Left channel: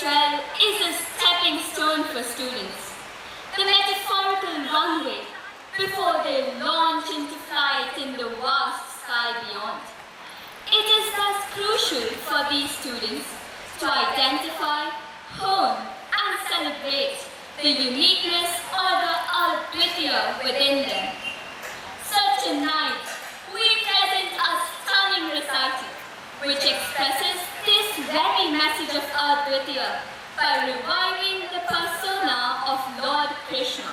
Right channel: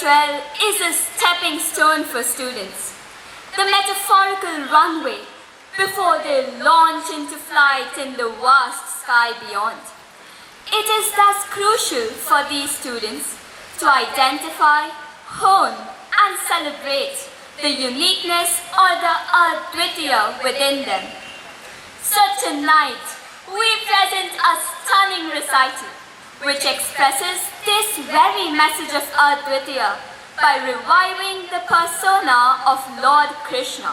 K-12 is a stepping stone for students, the metaphorical runway before they launch into flight in the vast sky beyond. It is thus crucial for these students to identify, hone, and celebrate the uniqueness or the Advitya within them. So tonight, we present a stunning recital which expresses this very message of Advitya by reviving the persona of Lord Krishna.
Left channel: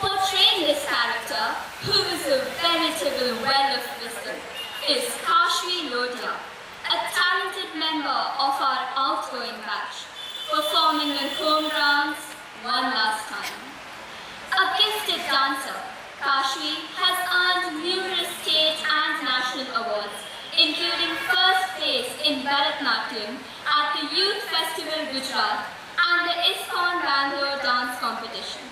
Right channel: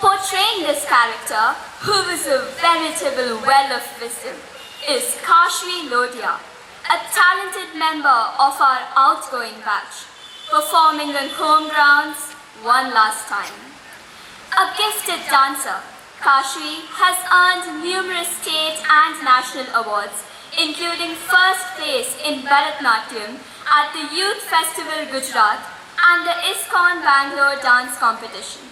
Portraying this character, who is a veritable well of wisdom, is Kashi Lodhia, a talented member of our outgoing batch, performing on home grounds one last time. A gifted dancer, Kashi has earned numerous state and national awards, including first place in Bharatnatyam at the Youth Festival Gujarat and the ISKCON Bangalore Dance Competition.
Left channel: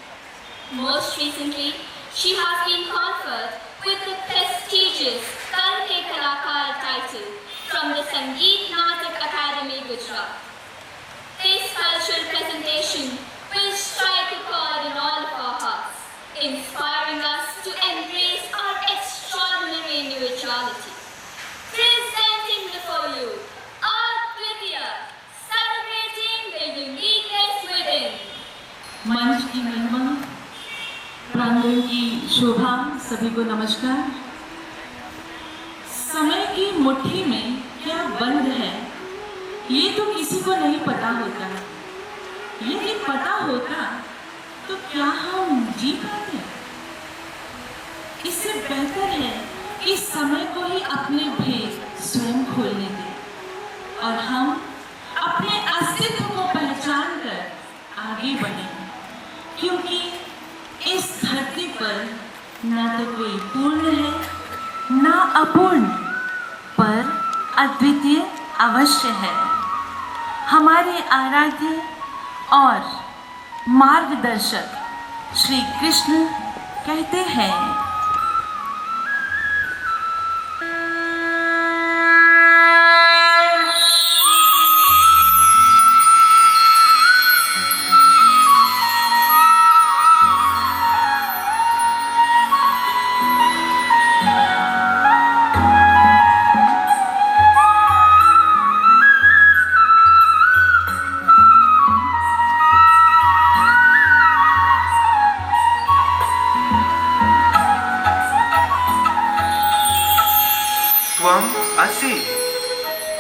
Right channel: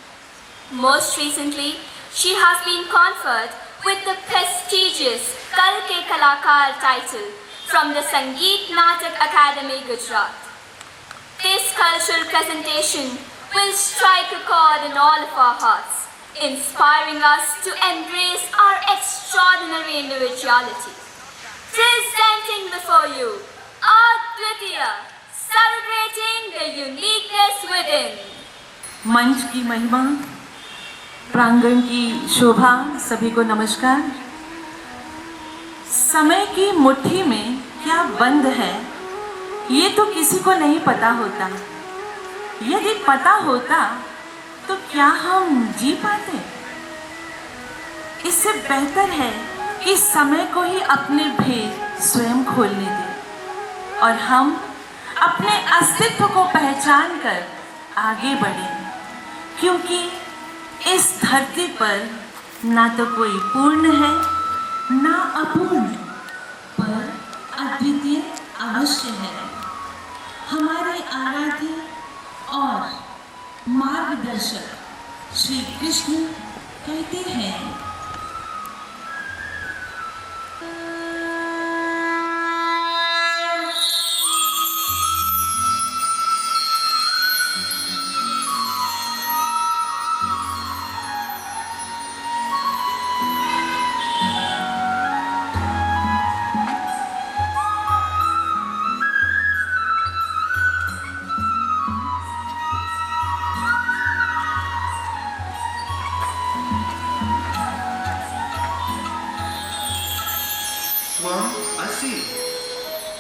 Most recently, she has been conferred with the prestigious Kal Ke Kalakar title from the Sangeet Natak Academy, Gujarat. This cultural presentation will strike a chord in all of our hearts, inspiring us to embrace our extraordinary individuality. Presenting before you, Advitya, celebrating the uniqueness within. मंच की महिमा, प्रांगण की शोभा, सभी को नमस्कार। समय की मुट्ठी में क्या बंद है, ये तो किसी को नहीं पता होता। यदि पता होता तो क्या हम जी पाते? इससे बेहतर है कि समय को ही अपने भेद स्वयं खोलने दें और हम अपने अस्तित्व को पहचान कर आगे बढ़ें, क्योंकि इस धरती पर ना तो कोई पूर्ण है ना अपूर्ण, पर अद्वितीय अवश्य है। हमारे आराध्य और मार्गदर्शक श्री कृष्ण कहते हैं, त्वम असि,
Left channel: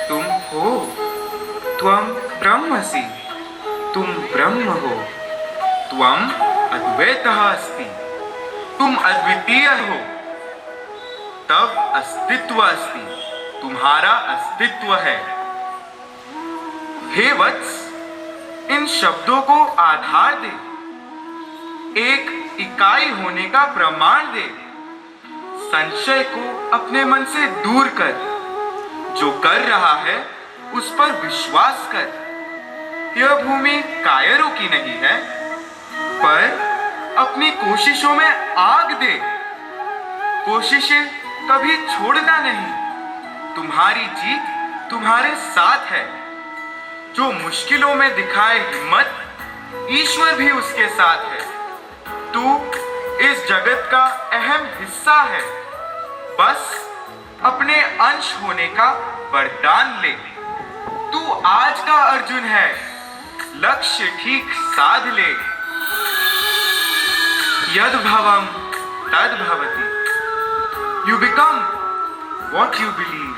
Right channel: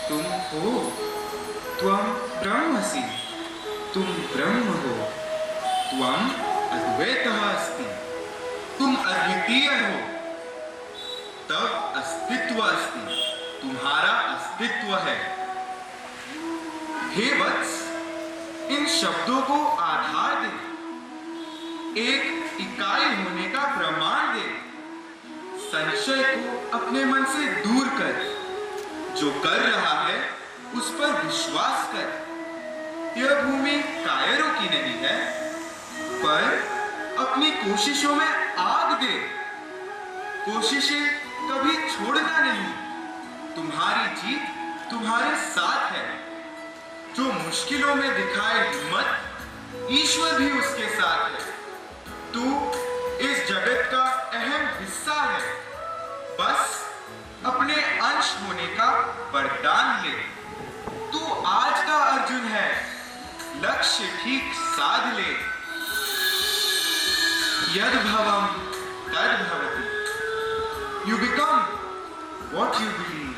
तुम हो, त्वम ब्रह्मसि, तुम ब्रह्म हो, त्वम अद्वैतः अस्ति, तुम अद्वितीय हो, तब अस्तित्व अस्ति, तुम्हारा अस्तित्व है। हे वत्स, इन शब्दों को आधार दे, एक इकाई होने का प्रमाण दे, संशय को अपने मन से दूर कर, जो कर रहा है उस पर विश्वास कर। यह भूमि कायरों की नहीं है, पर अपनी कोशिशों में आग दे, कोशिशें कभी छोड़ना नहीं, तुम्हारी जीत तुम्हारे साथ है। जो मुश्किलों में दिखाए हिम्मत, ईश्वर भी उसके साथ है। तू इस जगत का अहम हिस्सा है, बस अपने अंश होने का वरदान ले। तू आज का अर्जुन है, लक्ष्य ठीक साध ले। यद भवम तद भवति, you become what you believe.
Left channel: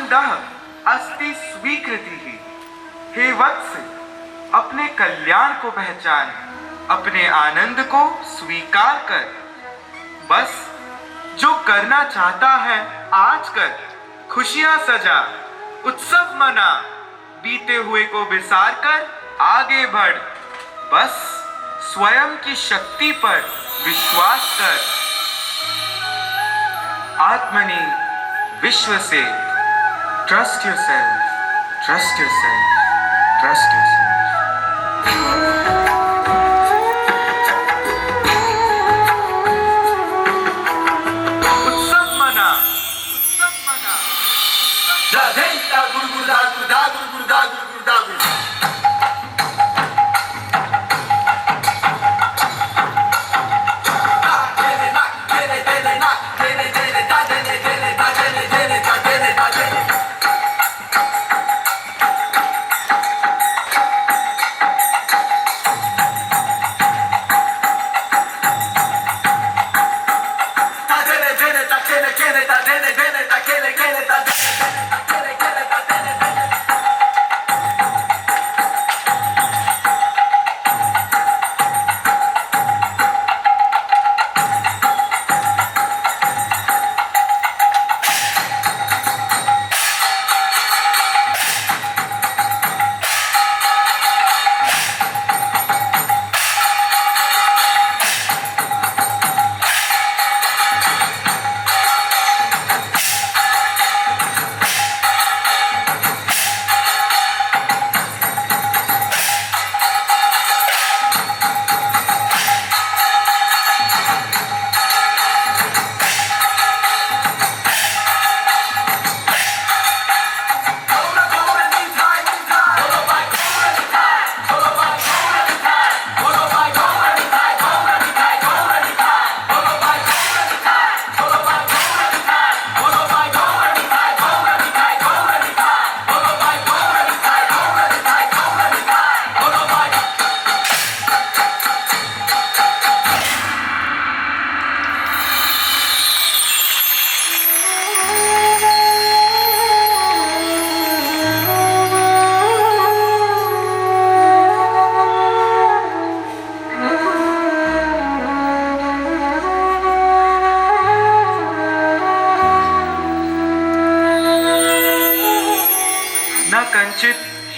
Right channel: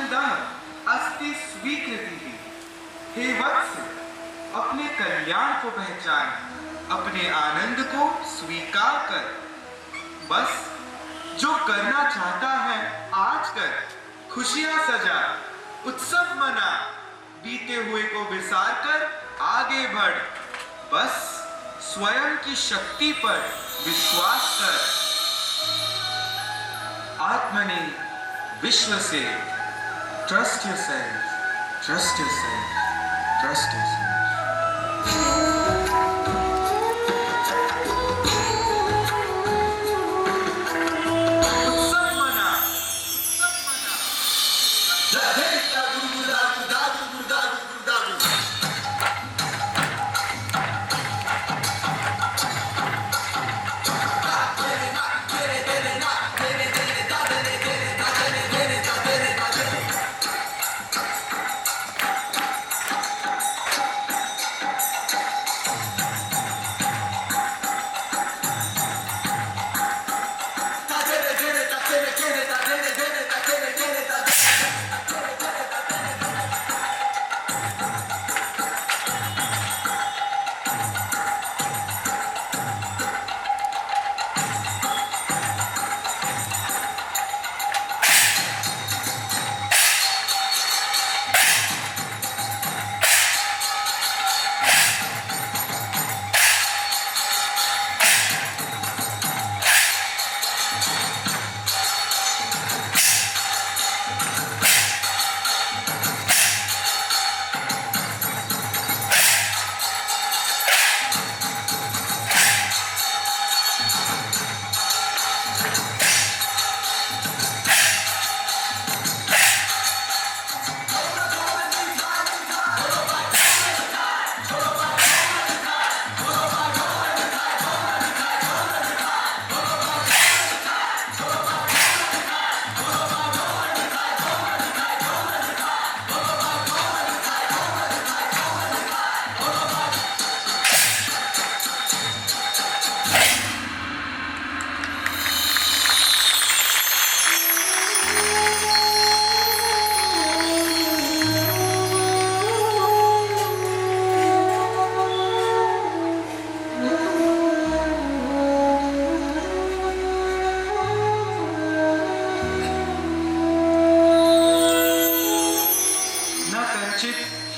आनंदः अस्ति स्वीकृतिः। हे वत्स, अपने कल्याण को पहचान, अपने आनंद को स्वीकार कर। बस जो करना चाहता है आज कर, खुशियां सजा, उत्सव मना, बीते हुए को विसार कर आगे बढ़। बस स्वयं की शक्ति पर विश्वास कर। आत्मनि विश्व से, trust yourself, trust yourself, trust yourself. उत्सव मना, उत्सव मना। Radhenta Guru Guru Da Guru Da Guru Guru Da Guru Guru Da Guru.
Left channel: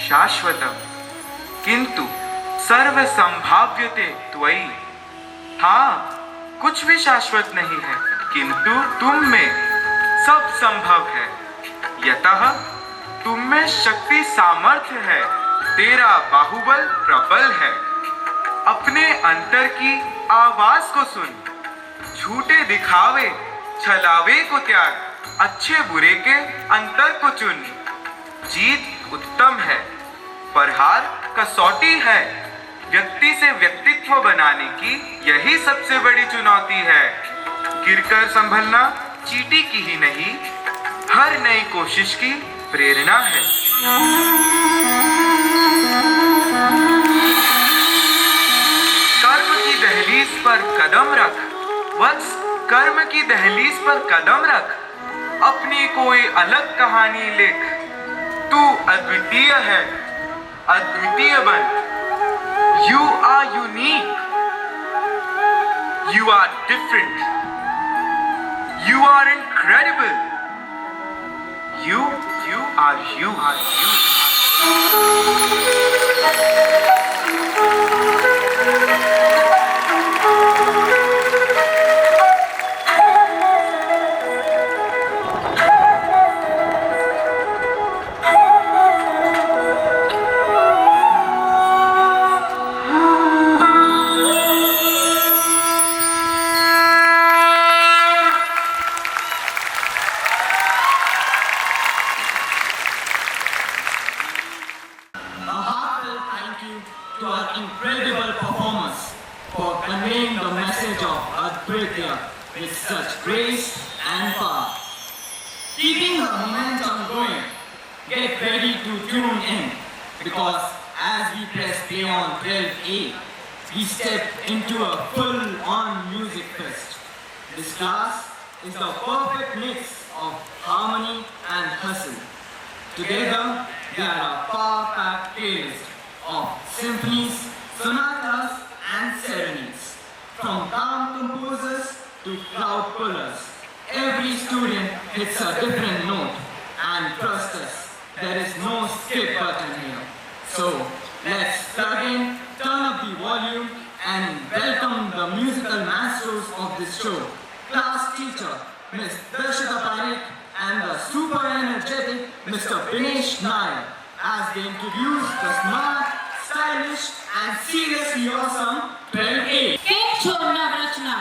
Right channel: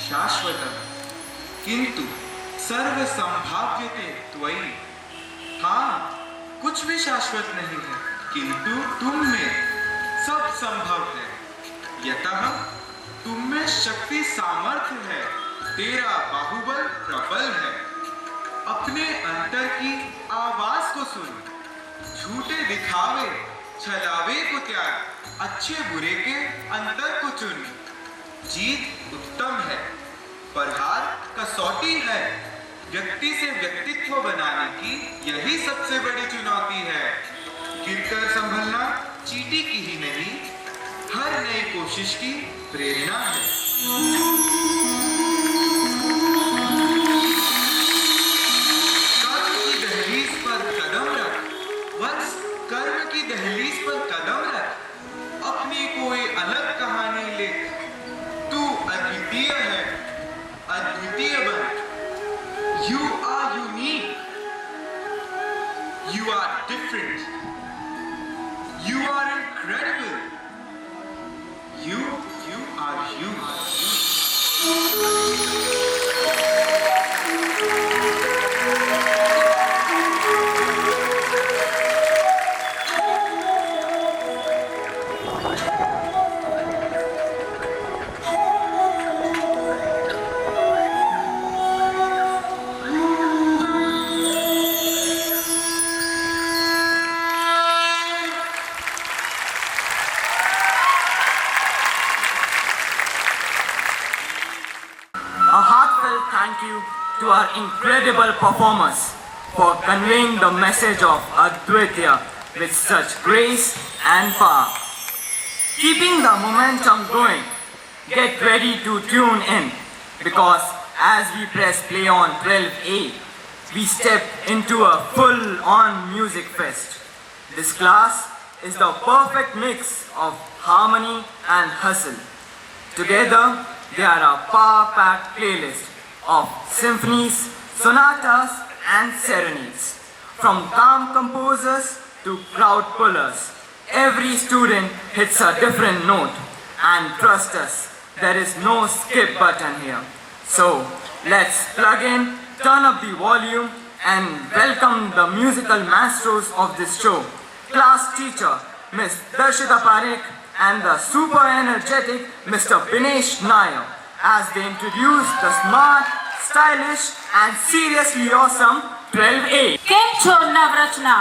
शाश्वतम किंतु सर्व संभाव्यते त्वयि। हाँ, कुछ भी शाश्वत नहीं है, किंतु तुम में सब संभव है। यतः तुम में शक्ति सामर्थ्य है, तेरा बाहुबल प्रबल है। अपने अंतर की आवाज को सुन, झूठे दिखावे छलावे को त्याग, अच्छे बुरे के अंतर को चुन। जीत उत्तम है पर हार कसौटी है, व्यक्ति से व्यक्तित्व बनाने की यही सबसे बड़ी चुनौती है। गिरकर संभलना चींटी की ही नहीं, हर नई कोशिश की प्रेरणा है। कर्म की दहलीज पर कदम रख वत्स, कर्म की दहलीज पर कदम रख, अपनी कोई अलग कहानी लिख। तू अद्वितीय है, अद्वितीय बन। You are unique. You are different. You are incredible. You are you. To our incredible performers for conveying the message of Advaita with such grace and power. Keeping the momentum going, get ready to tune in because as we press play on 12A, we step into a full-on music fest. This class is the perfect mix of harmony and hustle. Together, they are a power-packed playlist of symphonies, sonatas, and serenades. From calm composers to crowd pullers, every student hits a different note. And trust us, there is no skip button here. So, let's plug in, turn up the volume, and welcome the musical masters of this show. Class teacher, Miss Darshita Parekh, and the super energetic Mr. Binesh Nair, as they introduce the smart, stylish, and seriously awesome 12A. केम छो Navrachna,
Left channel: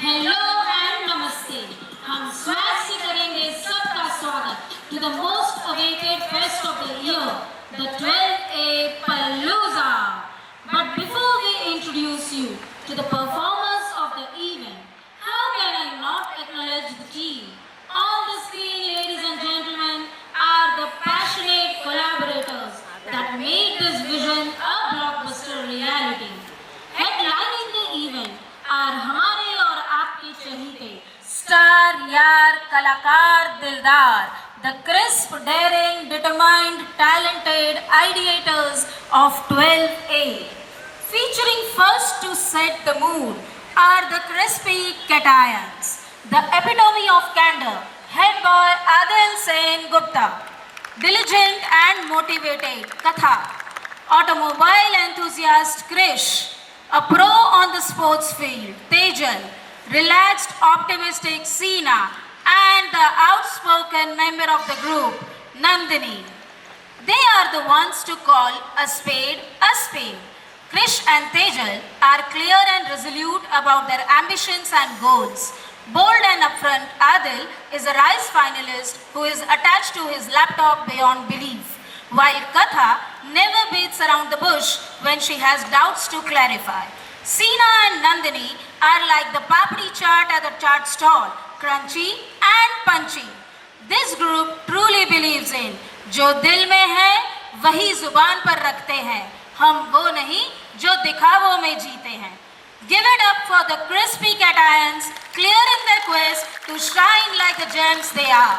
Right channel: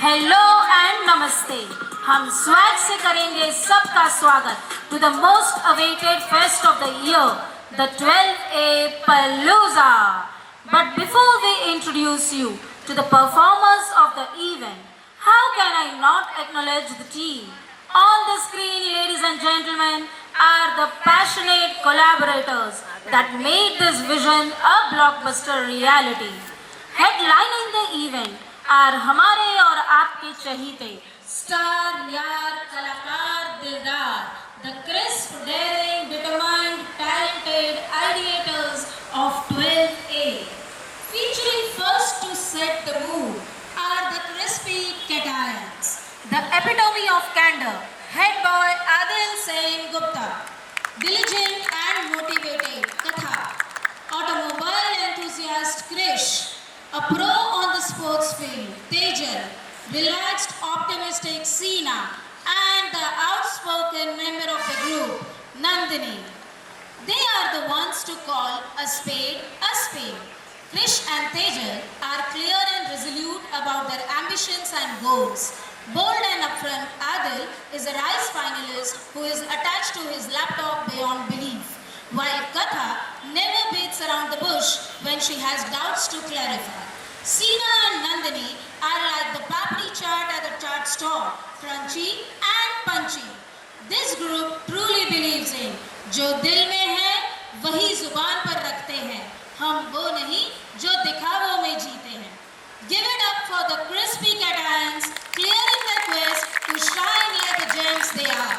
hello and नमस्ते। हम swag से करेंगे सबका स्वागत to the most awaited fest of the year, the 12A Palooza. But before we introduce you to the performers of the event, how can I not acknowledge the team? On the screen, ladies and gentlemen, are the passionate collaborators that made this vision a blockbuster reality. Headlining the event are हमारे और आपके चहीते star यार कलाकार दिलदार, the crisp, daring, determined, talented ideators of 12A. Featuring first to set the mood are the crispy Cations, the epitome of candor, head boy Adil Sen Gupta, diligent and motivated Katha, automobile enthusiast Krish, a pro on the sports field Tejal, relaxed optimistic Seena, and the outspoken member of the group Nandini. They are the ones to call a spade a spade. Krish and Tejal are clear and resolute about their ambitions and goals. Bold and upfront, Adil is a RISE finalist who is attached to his laptop beyond belief, while Katha never beats around the bush when she has doubts to clarify. Seena and Nandini are like the papri chaat at the chaat stall, crunchy and punchy. This group truly believes in जो दिल में है वही जुबान पर रखते हैं, हम वो नहीं जो दिखावों में जीते हैं. Give it up for the crispy Cations, clearing their quest to shine like the gems they are.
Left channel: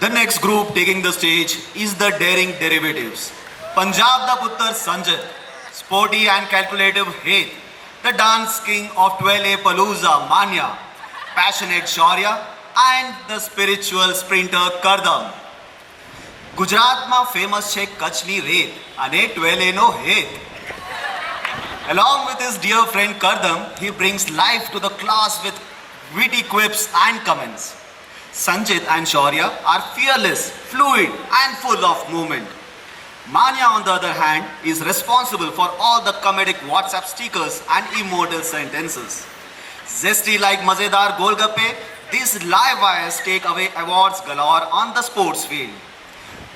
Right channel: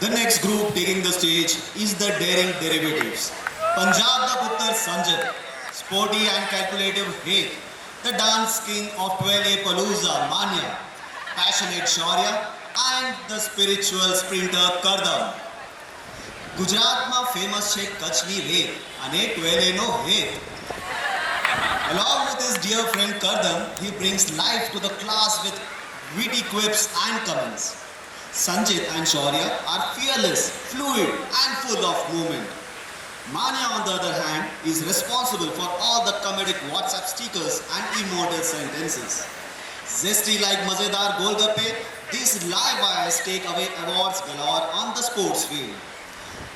The next group taking the stage is the Daring Derivatives. Punjab da Puttar Sanjay, sporty and calculative Heth, the dance king of 12A Palooza Manya, passionate Shaurya, and the spiritual sprinter Kardam. ગુજરાતમાં famous છે કચ્છની રેત અને 12A નો હેત. Along with his dear friend Kardam, he brings life to the class with witty quips and comments. Sanjit and Shaurya are fearless, fluid, and full of movement. Manya, on the other hand, is responsible for all the comedic WhatsApp stickers and immortal sentences. Zesty like Mazedar Golgappe, these live wires take away awards galore on the sports field.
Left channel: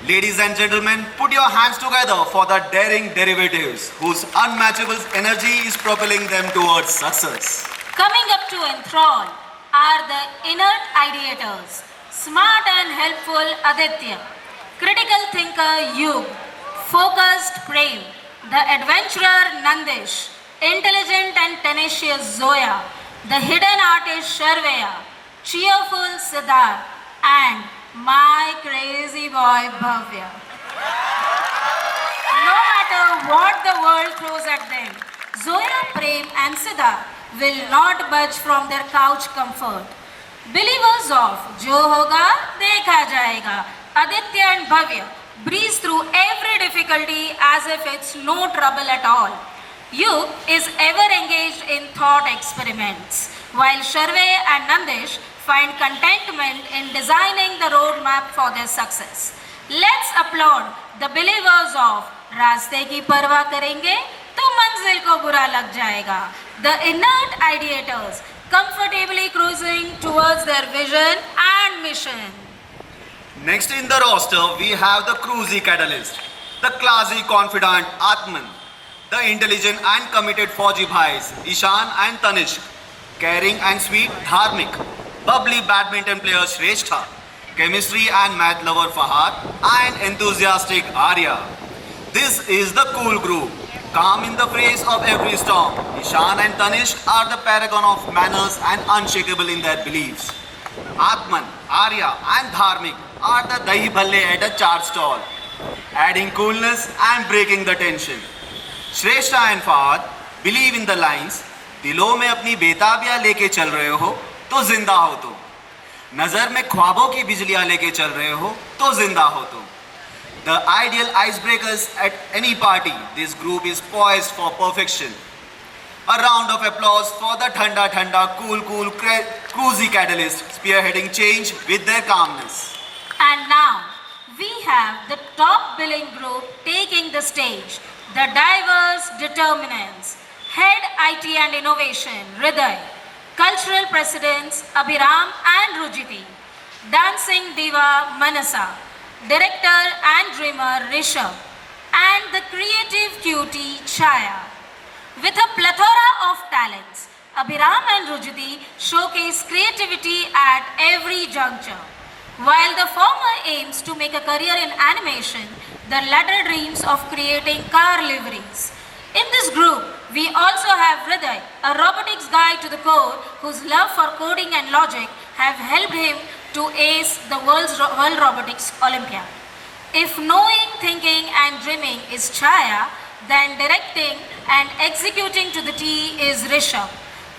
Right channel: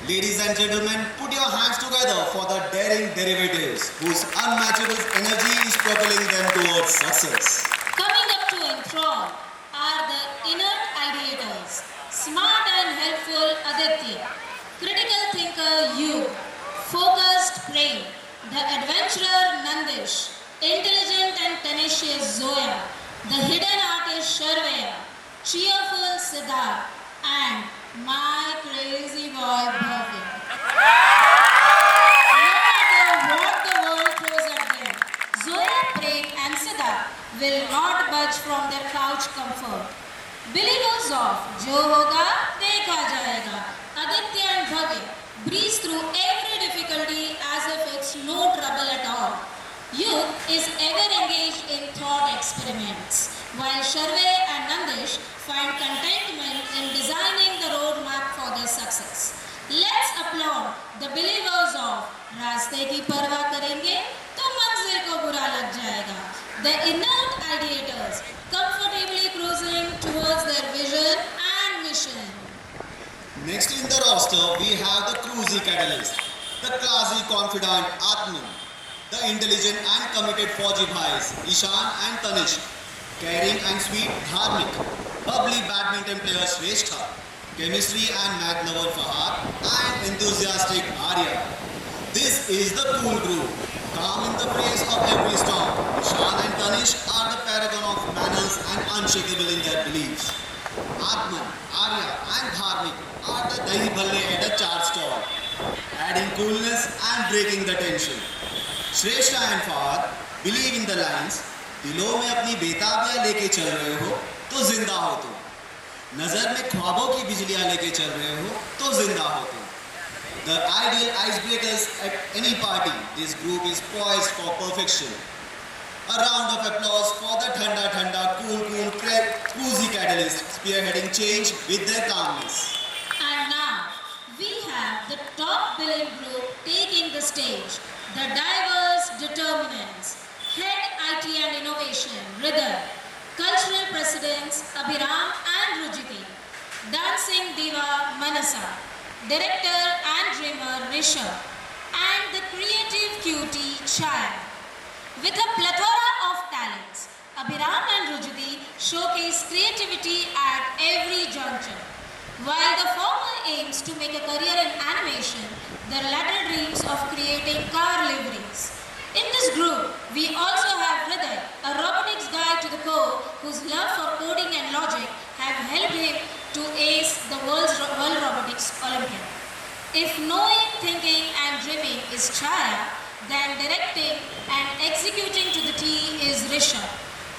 Ladies and gentlemen, put your hands together for the Daring Derivatives, whose unmatchable energy is propelling them towards success. Coming up to enthrall are the inert ideators, smart and helpful Aditya, critical thinker Yug, focused Prem, the adventurer Nandish, intelligent and tenacious Zoya, the hidden artist Sharveya, cheerful Siddharth, and my crazy boy Bhavya. No matter what the world throws at them, Zoya, Prem and Siddharth will not budge from their couch comfort. Believers of Jo Hoga Dekha Jayega, Aditya and Bhavya breeze through every difficulty as if it's no trouble at all. Yug is ever engaged in thought experiments, while Sharve and Nandish find contentment in designing the roadmap for their success. Let's applaud the believers of रास्ते की परवाह करेंगे तो मंजिल को बुरा लग जाएगा. The inert ideators comfortably cruising towards their vision and mission. Next in the roster, we have the cruisy catalyst, the classy confidant Atman, the intelligent and committed Fauji Bhais, Ishan and Tanishq, caring and sweet Dharmik, bubbly badminton player Shrestha, chemistry and math lover Fahad, and enthusiastic Arya. This is the cool group, calm in the face of every storm. Ishan and Tanishq are the paragon of manners and unshakable in their beliefs. Atman, Arya and Dharmik are the dahi bhalle at a chaat stall, adding coolness and breaking the tension. Shrestha and Fahad believe in the lines, दिलों में अपनी बेताबियां लेके चल रहे हो तो जिंदा हो तुम, नजर में ख्वाबों की बिजलियां लेके चल रहे हो तो जिंदा हो तुम. The ideal icebreakers at any party, this group is poised for perfection. A round of applause for the Thanda Thanda cool cruisy catalyst spearheading change with their calmness. And now, we have the top billing group taking the stage, the diverse determinants, Head IT and Innovation, Hriday, Cultural Presidents, Abhiram and Rujiti, Dancing Diva, Manasa, Director and Dreamer, Rishabh, and the Creative Cutie, Chaya. With a plethora of talents, Abhiram and Rujiti showcase creativity at every juncture. While the former aims to make a career in animation, the latter dreams of creating car liveries. In this group, we also have Hriday, a robotics guy to the core whose love for coding and logic have helped him to ace the World Robotics Olympiad. If knowing, thinking and dreaming is Chaya, then directing and executing to the T is Rishabh,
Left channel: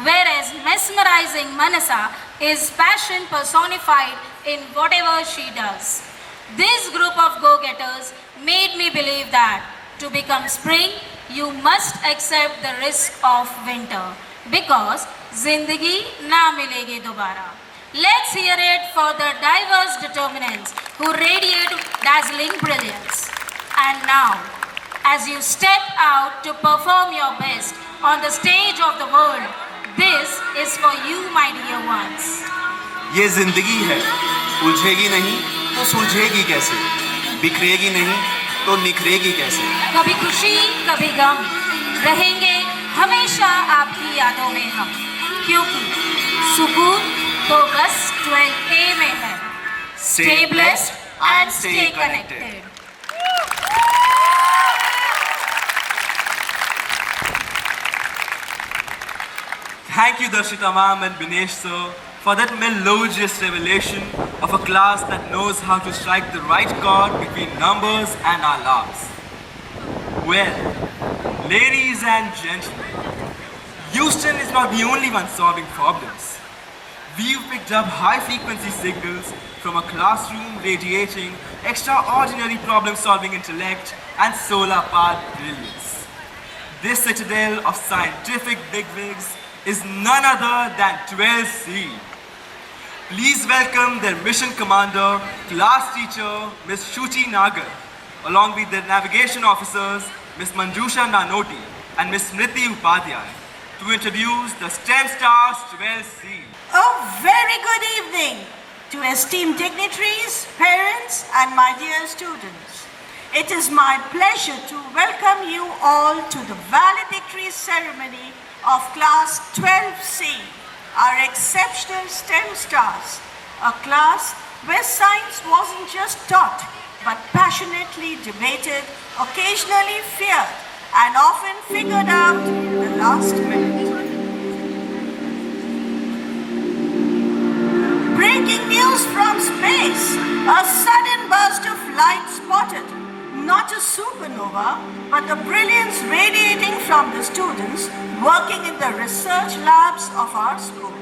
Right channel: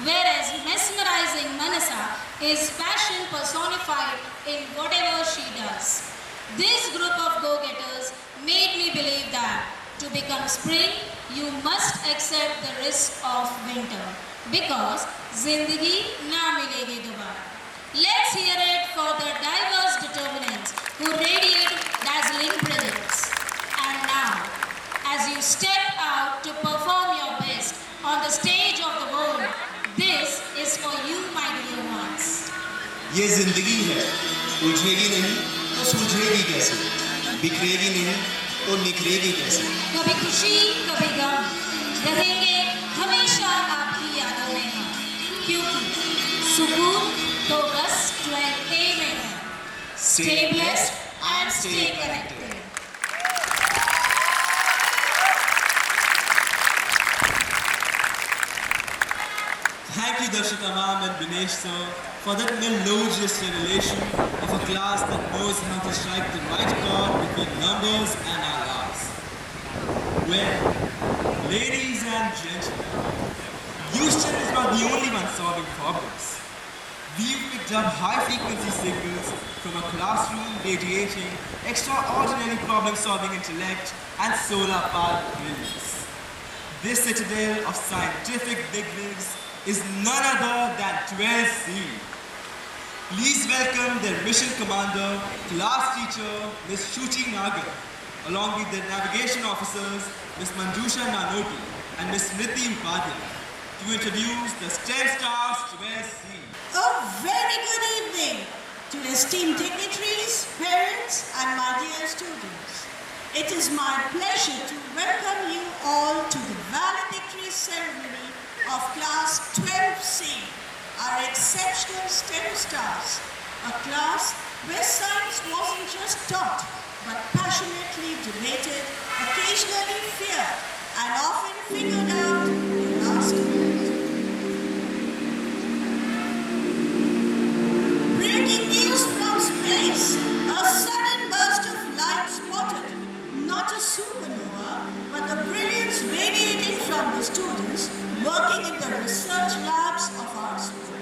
whereas mesmerizing Manasa is passion personified in whatever she does. This group of go-getters made me believe that to become spring, you must accept the risk of winter because zindagi na milegi dobara. Let's hear it for the diverse determinants who radiate dazzling brilliance. And now, as you step out to perform your best on the stage of the world, this is for you, my dear ones. ये जिंदगी है, उलझेगी नहीं तो सुलझेगी कैसे, बिखरेगी नहीं तो निखरेगी कैसे. कभी खुशी कभी गम रहेंगे हमेशा आपकी यादों में हम, क्योंकि सुकून तो बस 12A में है. Stay blessed and stay connected. Thank you, Darshita ma'am and Binesh sir, for that melodious revelation of a class that knows how to strike the right chord between numbers and our lives. Well, ladies and gentlemen, Houston is not the only one solving problems. We've picked up high-frequency signals from a classroom radiating extraordinary problem-solving intellect and solar-powered brilliance. This citadel of scientific bigwigs is none other than 12C. Please welcome their mission commander, class teacher, Ms. Shruti Nagar, along with their navigation officers, Ms. Manjusha Nanoti and Ms. Smriti Upadhyay, to introduce the STEM Stars 12C. A very good evening to esteemed dignitaries, parents, and my dear students. It is my pleasure to welcome you all to the valedictory ceremony of Class 12C, our exceptional STEM stars, a class where science wasn't just taught, but passionately debated, occasionally feared, and often figured out in the last minute. Breaking news from space, a sudden burst of light spotted. Not a supernova, but the brilliance radiating from the students working in the research labs of our school.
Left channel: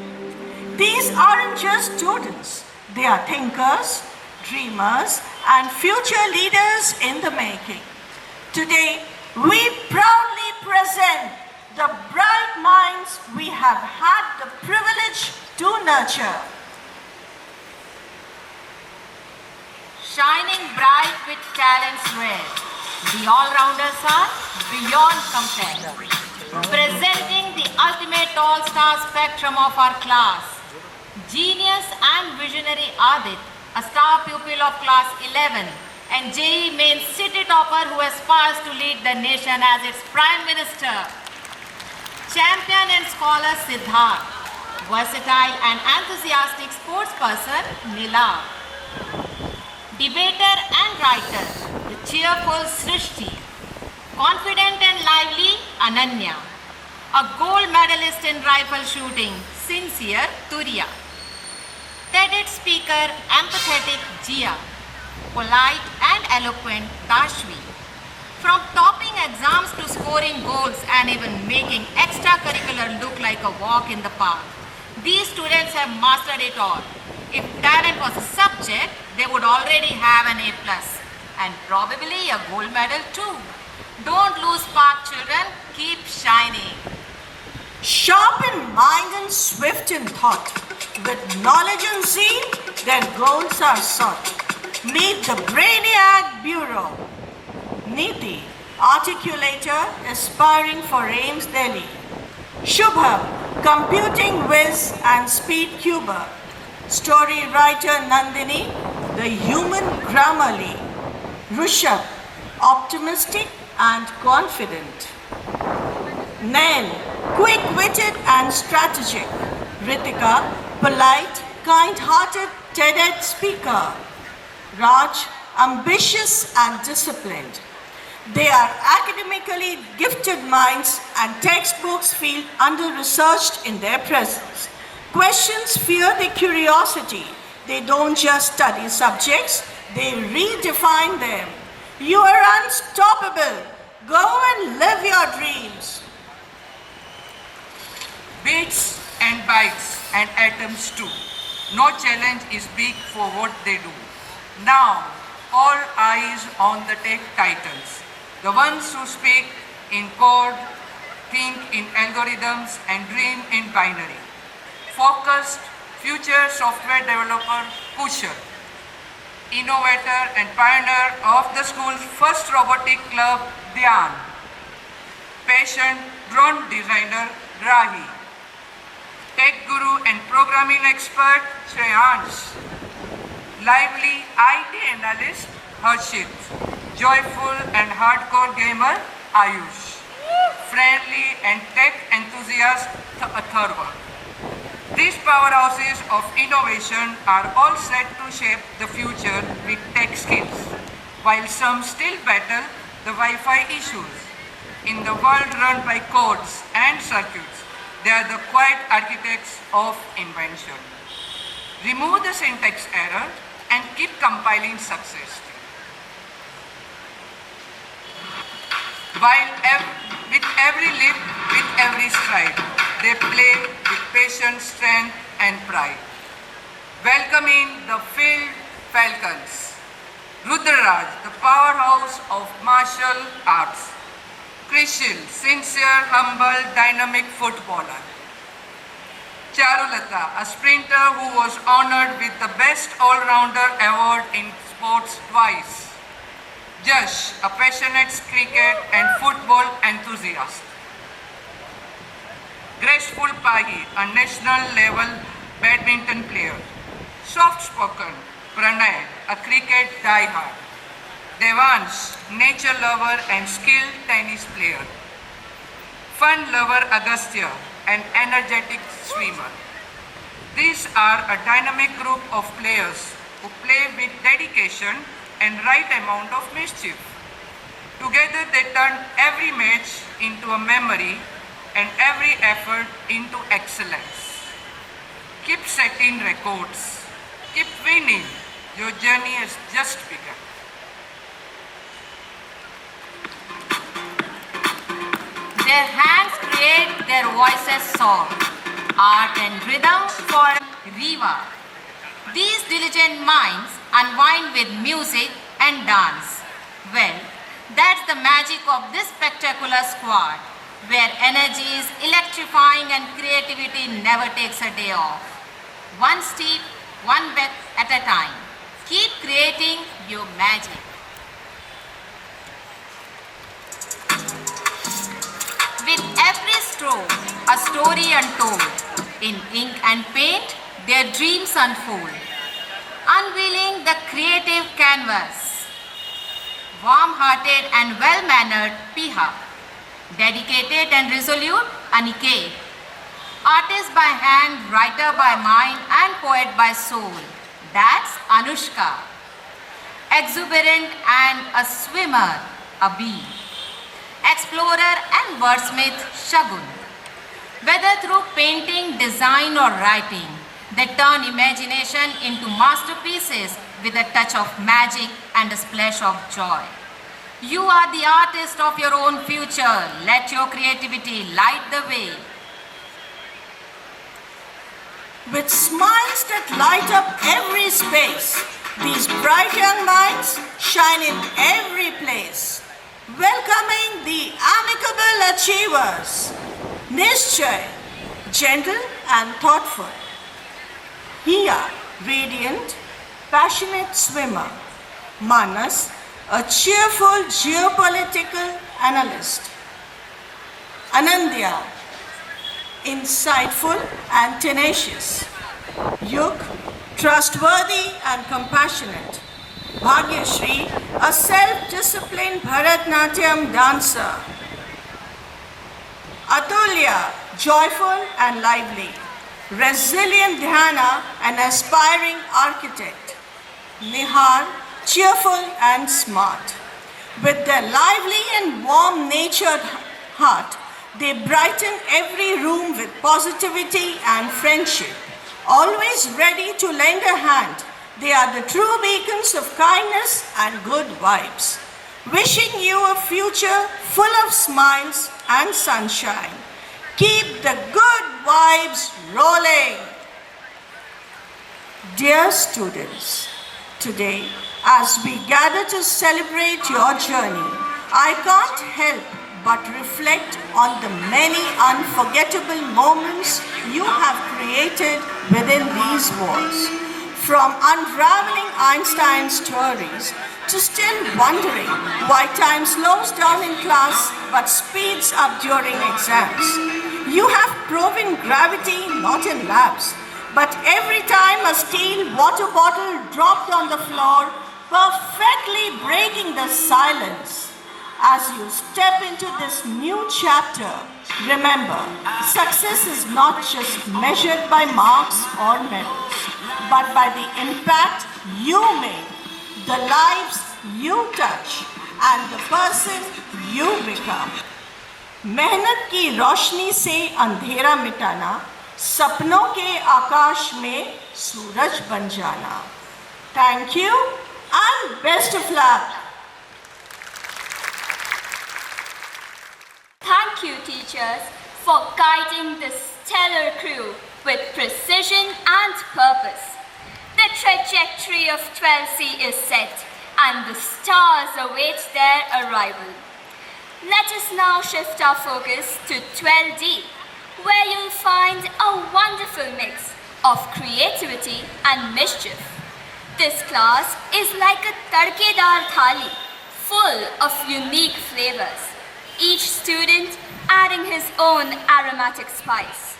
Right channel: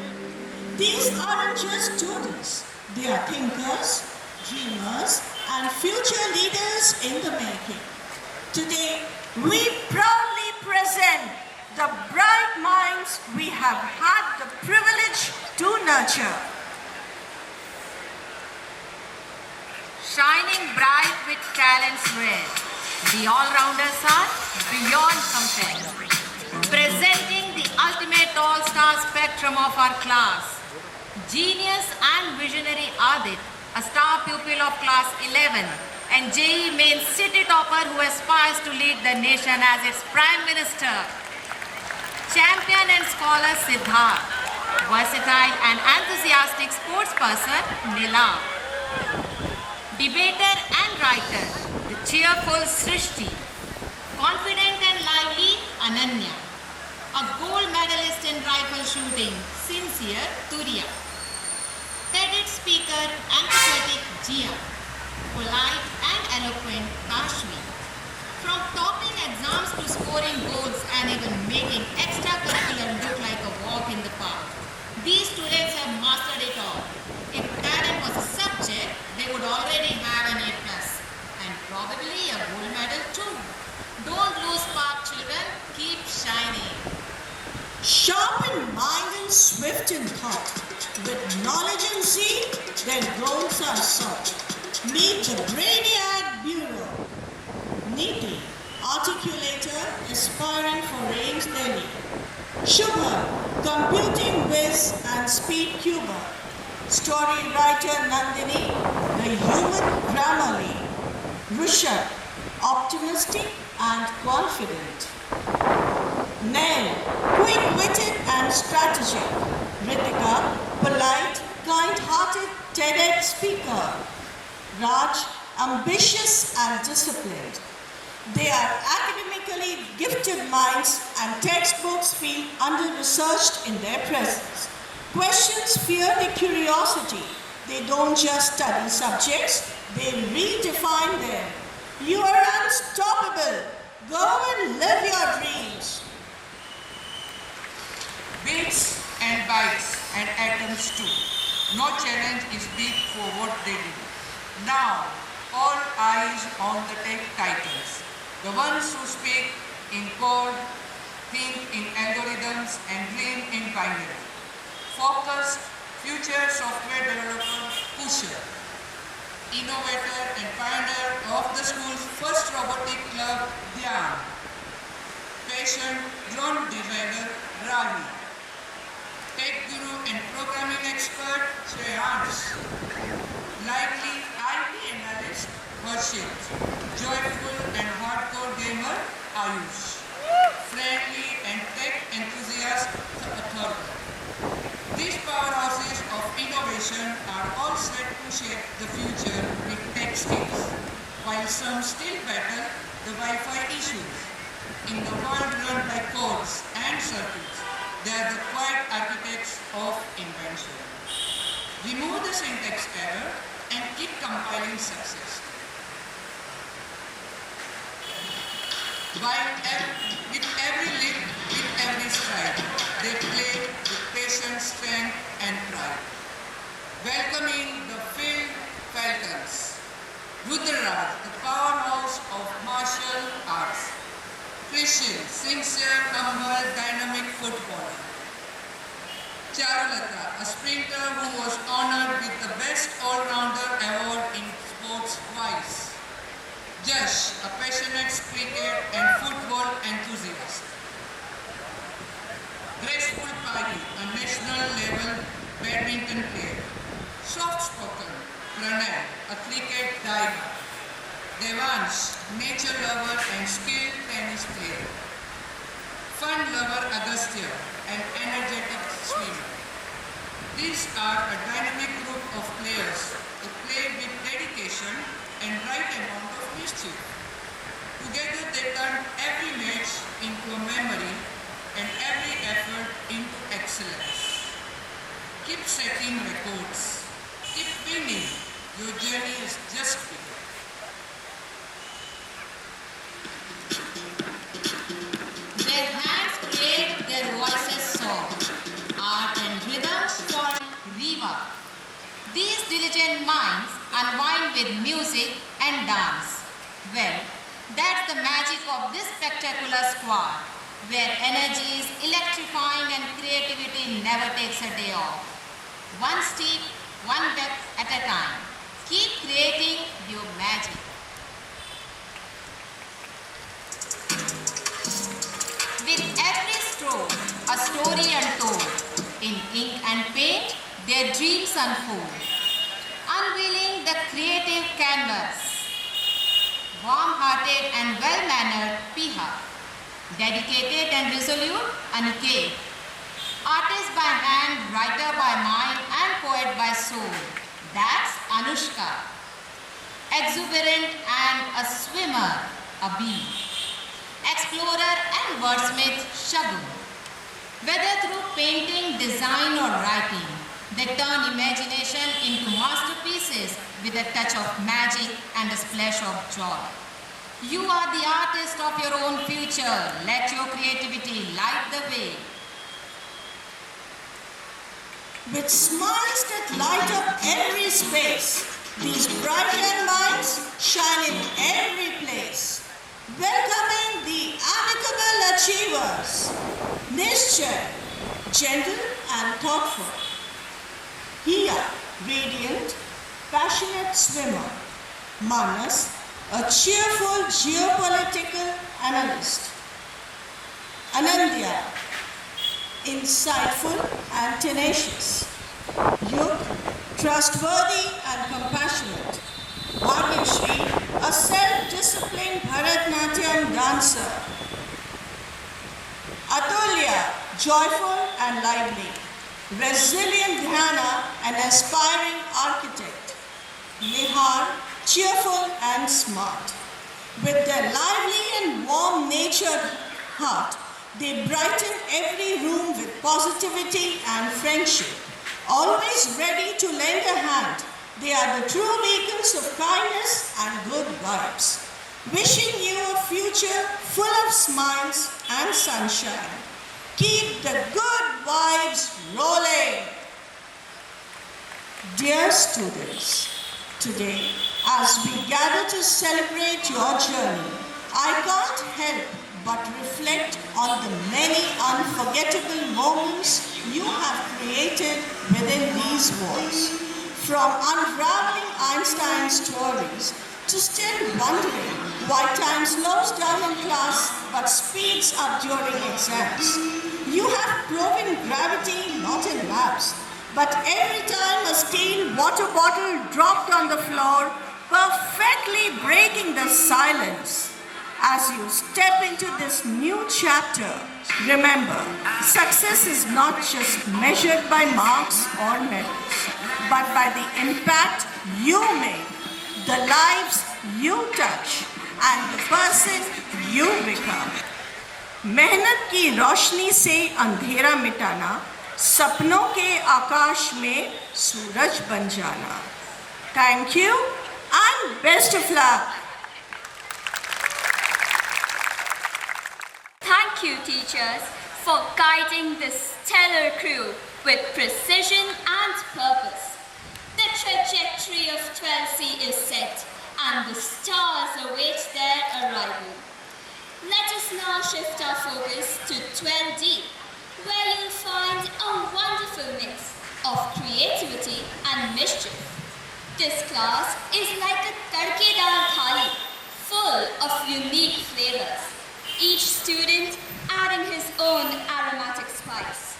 These aren't just students, they are thinkers, dreamers, and future leaders in the making. Today, we proudly present the bright minds we have had the privilege to nurture. Shining bright with talents rare, the all-rounders are beyond compare. Presenting the ultimate all-star spectrum of our class, genius and visionary Adit, a star pupil of class 11, and JEE Main city topper who aspires to lead the nation as its Prime Minister. Champion and scholar Siddharth, versatile and enthusiastic sportsperson Nila. Debater and writer, the cheerful Srishti. Confident and lively Ananya. A gold medalist in rifle shooting, sincere Turiya. TEDx speaker, empathetic Jia. polite and eloquent Kashmi. From topping exams to scoring goals and even making extracurricular look like a walk in the park, these students have mastered it all. If talent was a subject, they would already have an A+, and probably a gold medal too. Don't lose spark, children. Keep shining. Sharp in mind and swift in thought, with knowledge and zeal, their goals are sought. Meet the Brainiac Bureau. Niti, articulator aspiring for AIMS Delhi. Shubham, computing whiz and speed cuber. Story writer Nandini, the human Grammarly. Rushabh, optimistic and confident. Nail, quick-witted and strategic. Ritika, polite, kind-hearted TEDx speaker. Raj, ambitious and disciplined. They are academically gifted minds and textbooks feel under-researched in their presence. Questions fear the curiosity. They don't just study subjects, they redefine them. You are unstoppable. Go and live your dreams. Bits and bytes and atoms too. No challenge is big for what they do. Now, all eyes on the tech titans. The ones who speak in code, think in algorithms and dream in binary. Focused, future software developer Kushal. Innovator and pioneer of the school's first robotic club, Dhyan. Patient drone designer, Ravi. Tech guru and programming expert, Shreyans. Lively IT analyst, Harshit. Joyful and hardcore gamer, Ayush. Friendly and tech enthusiast, Atharva. These powerhouses of innovation are all set to shape the future with tech skills, while some still battle the Wi-Fi issues. In the world run by codes and circuits, they are the quiet architects of invention. Remove the syntax error and keep compiling success. With every leap, with every stride, they play with patience, strength and pride. Welcoming the Field Falcons. Rudraraj, the powerhouse of martial arts. Krishil, sincere, humble, dynamic footballer. Charulata, a sprinter who was honored with the Best All-Rounder Award in sports twice. Jash, a passionate cricket and football enthusiast. Graceful Pahi, a national-level badminton player. Soft-spoken, Pranay, a cricket diehard. Devansh, nature lover and skilled tennis player. Fun lover Agastya, an energetic swimmer. These are a dynamic group of players who play with dedication and right amount of mischief. Together they turn every match into a memory and every effort into excellence. Keep setting records. Keep winning. Your journey has just begun. Their hands create, their voices soar. Art and rhythm for Riva. These diligent minds unwind with music and dance. Well, that's the magic of this spectacular squad, where energy is electrifying and creativity never takes a day off. One step, one breath at a time. Keep creating your magic. With every stroke, a story untold. In ink and paint, their dreams unfold. Unveiling the creative canvas. Warm-hearted and well-mannered Piha. Dedicated and resolute Aniket. Artist by hand, writer by mind and poet by soul. That's Anushka. Exuberant and a swimmer, Abhi. Explorer and wordsmith, Shagun. Whether through painting, design or writing, They turn imagination into masterpieces with a touch of magic and a splash of joy. You are the artist of your own future. Let your creativity light the way. With smiles that light up every space, these bright young minds shine in every place. Welcoming the amicable achievers, Nishchay, gentle and thoughtful. Hiya, radiant, passionate swimmer. Manas, a cheerful geopolitical analyst. Anandya, insightful and tenacious. Yug, trustworthy and compassionate. Bhagyashri, a self-disciplined Bharatnatyam dancer. Atulya, joyful and lively. Resilient Dhyana, an aspiring architect. Nihar, cheerful and smart. With their lively and warm-natured heart, they brighten every room with positivity and friendship. Always ready to lend a hand, they are the true beacons of kindness and good vibes. Wishing you a future full of smiles and sunshine. Keep the good vibes rolling. Dear students, today, as we gather to celebrate your journey, I can't help but reflect on the many unforgettable moments you have created within these walls. From unraveling Einstein's theories to still wondering why time slows down in class but speeds up during exams. You have proven gravity not in labs, but every time a steel water bottle dropped on the floor, perfectly breaking the silence. As you step into this new chapter, remember, success is not just measured by marks or medals, but by the impact you make, the lives you touch, and the person you become. मेहनत की रोशनी से अंधेरा मिटाना, सपनों के आकाश में सूरज बन जाना. Thank you and best of luck. Thank you, teachers, for guiding this stellar crew with precision and purpose. The trajectory of 12C is set, and the stars await their arrival. Let us now shift our focus to 12D, where you'll find a wonderful mix of creativity and mischief. This class is like a tadkedar thali, full of unique flavors, each student adding his own aromatic spice.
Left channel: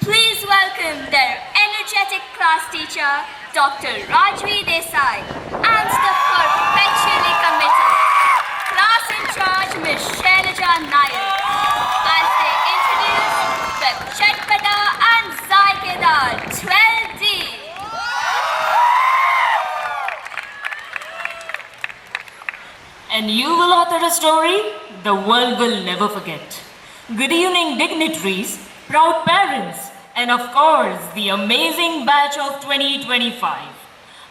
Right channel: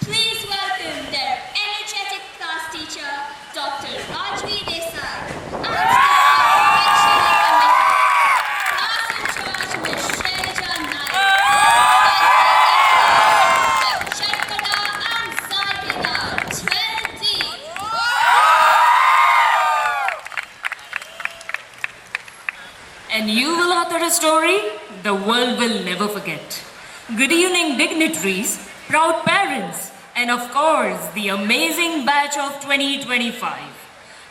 Please welcome their energetic class teacher, Dr. Rajvi Desai, and the perfectionly committed class in charge, Ms. Shailaja Nair, as they introduce the Chatpata and Zaikeda 12D. And you will author a story the world will never forget. Good evening, dignitaries, proud parents, and of course, the amazing batch of 2025.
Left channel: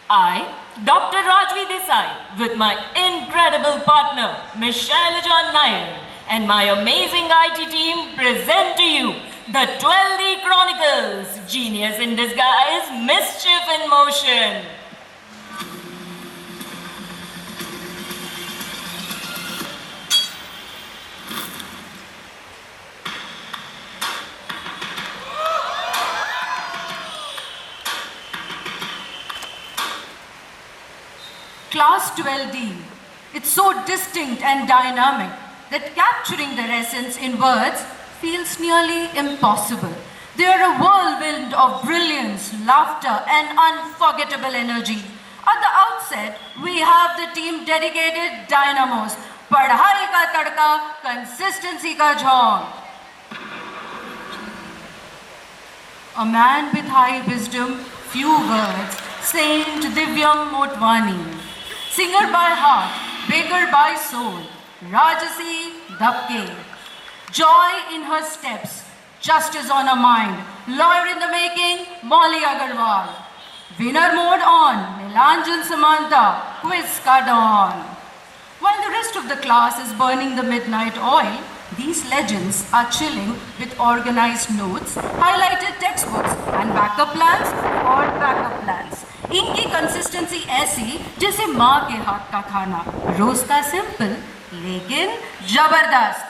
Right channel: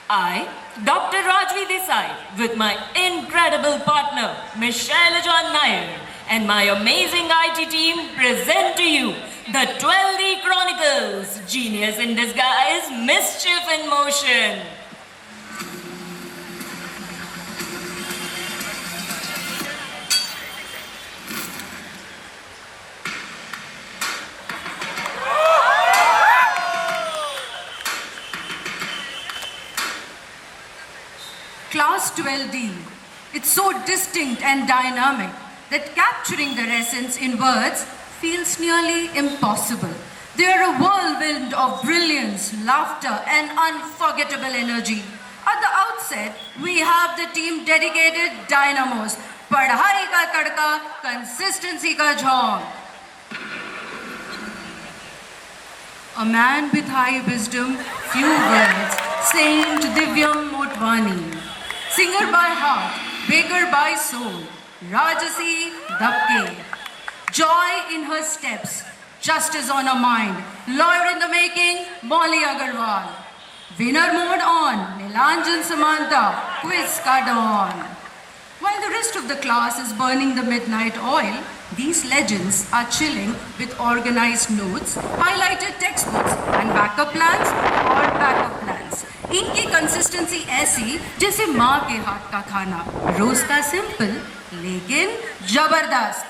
I, Dr. Rajvi Desai, with my incredible partner, Ms. Shailaja Nair, and my amazing IT team present to you the 12D Chronicles, Genius in Disguise, Mischief in Motion. Class 12D, it's so distinct and dynamic that capturing their essence in words feels nearly impossible. They are a whirlwind of brilliance, laughter, and unforgettable energy. At the outset, we have the team dedicated dynamos, Padhai ka tadka, consistency ka jhaun. A man with high wisdom, few words, Saint Divyam Motwani. Singer by heart, baker by soul, Rajasi Dapke. Joy in her steps, justice on her mind, Lawyer in the making, Molly Agarwal. Winner mode on, Nilanjan Samanta, quiz ka dawn. While the rest of the class is burning the midnight oil, these legends are chilling with organized notes, highlighted textbooks and backup plans or backup plans. इनकी consistency ऐसी जैसे माँ के हाथ का खाना, रोज का simple लेकिन जबरदस्त.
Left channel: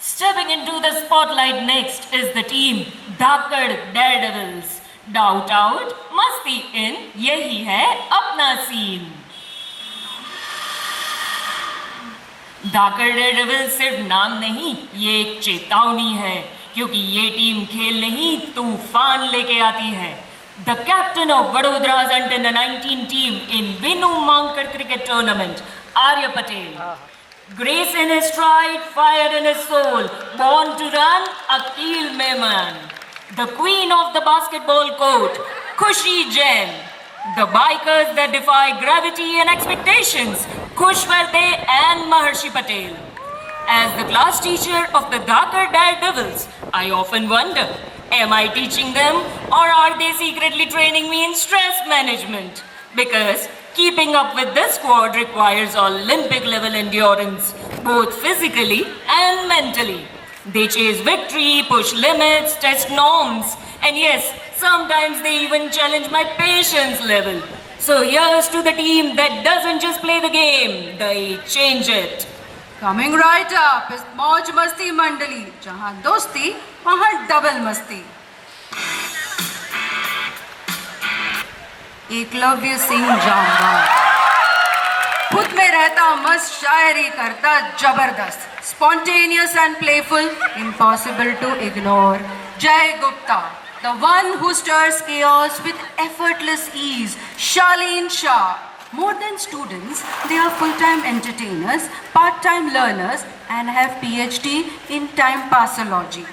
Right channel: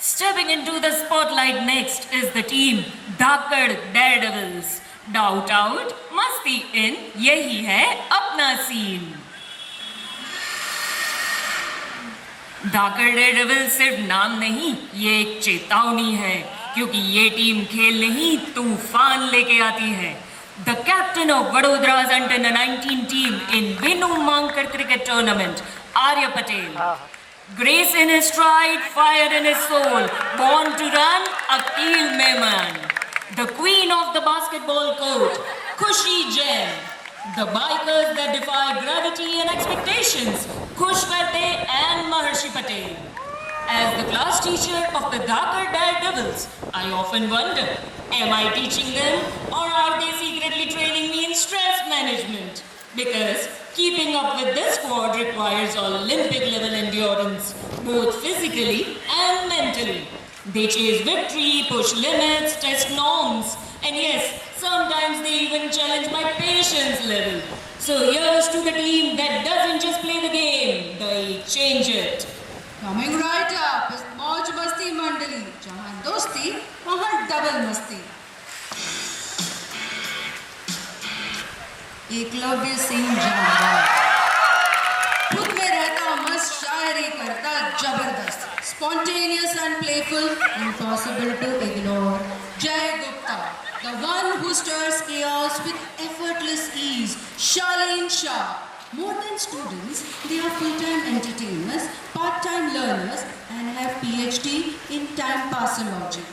Stepping into the spotlight next is the team Dhakad Daredevils. Doubt out, मस्ती in, यही है अपना सीन. धाकड़ डेयरडेविल्स सिर्फ नाम नहीं, ये एक चेतावनी है, क्योंकि ये टीम खेल नहीं तूफान लेके आती है. The captain of Vadodara's under-19 team in Binu Mankad cricket tournament, Arya Patel. Grace in his stride, fire in his soul, born to run, Akil Mehman. The queen of the basketball court, Khushi Jain. The bikers that defy gravity and expectations, Khush Verde and Maharshi Patel. As the class teacher of the Dhakad Daredevils, I often wonder, am I teaching them or are they secretly training me in stress management? Because keeping up with this squad requires Olympic level endurance, both physically and mentally. They chase victory, push limits, test norms, and yes, sometimes they even challenge my patience level. So here's to the team that doesn't just play the game, they change it. Coming right up is Mauj Masti Mandali, जहाँ दोस्ती वहाँ double मस्ती. एकलव्य सिंह जामवाल, खुद में रहता मस्त, शायरी करता जबरदस्त. Spontaneous and playful, impossible to ignore. Jay Gupta, the one who stirs chaos with effortless ease. Charlene Shah. More than students, they are full-time entertainers, part-time learners, and have PhD in time passology.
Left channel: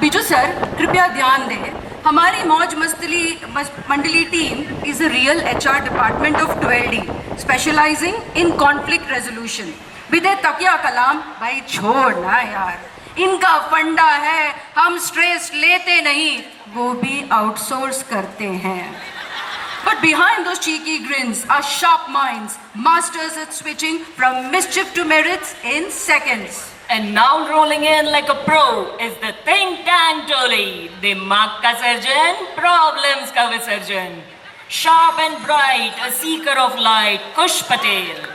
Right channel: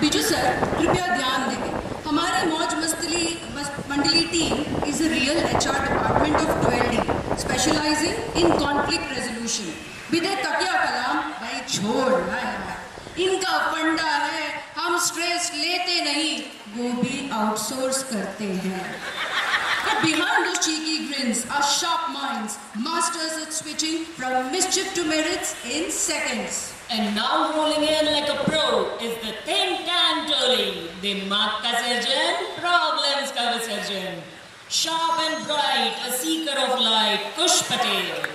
Biju sir, कृपया ध्यान दें. हमारी मौज मंडली team is a real HR department of 12D, specializing in conflict resolution. विदे तकिया कलाम, भाई छोड़ ना यार. इनका फंडा है, हम स्ट्रेस लेते नहीं, वो भी आउटसोर्स करते हैं. But behind those cheeky grins are sharp minds, masters at switching from mischief to merits in seconds. And now rolling in like a pro is the think tank Toli, Dimag ka surgeon, problems ka visarjan. Sharp and bright, a seeker of light, Khush Patel.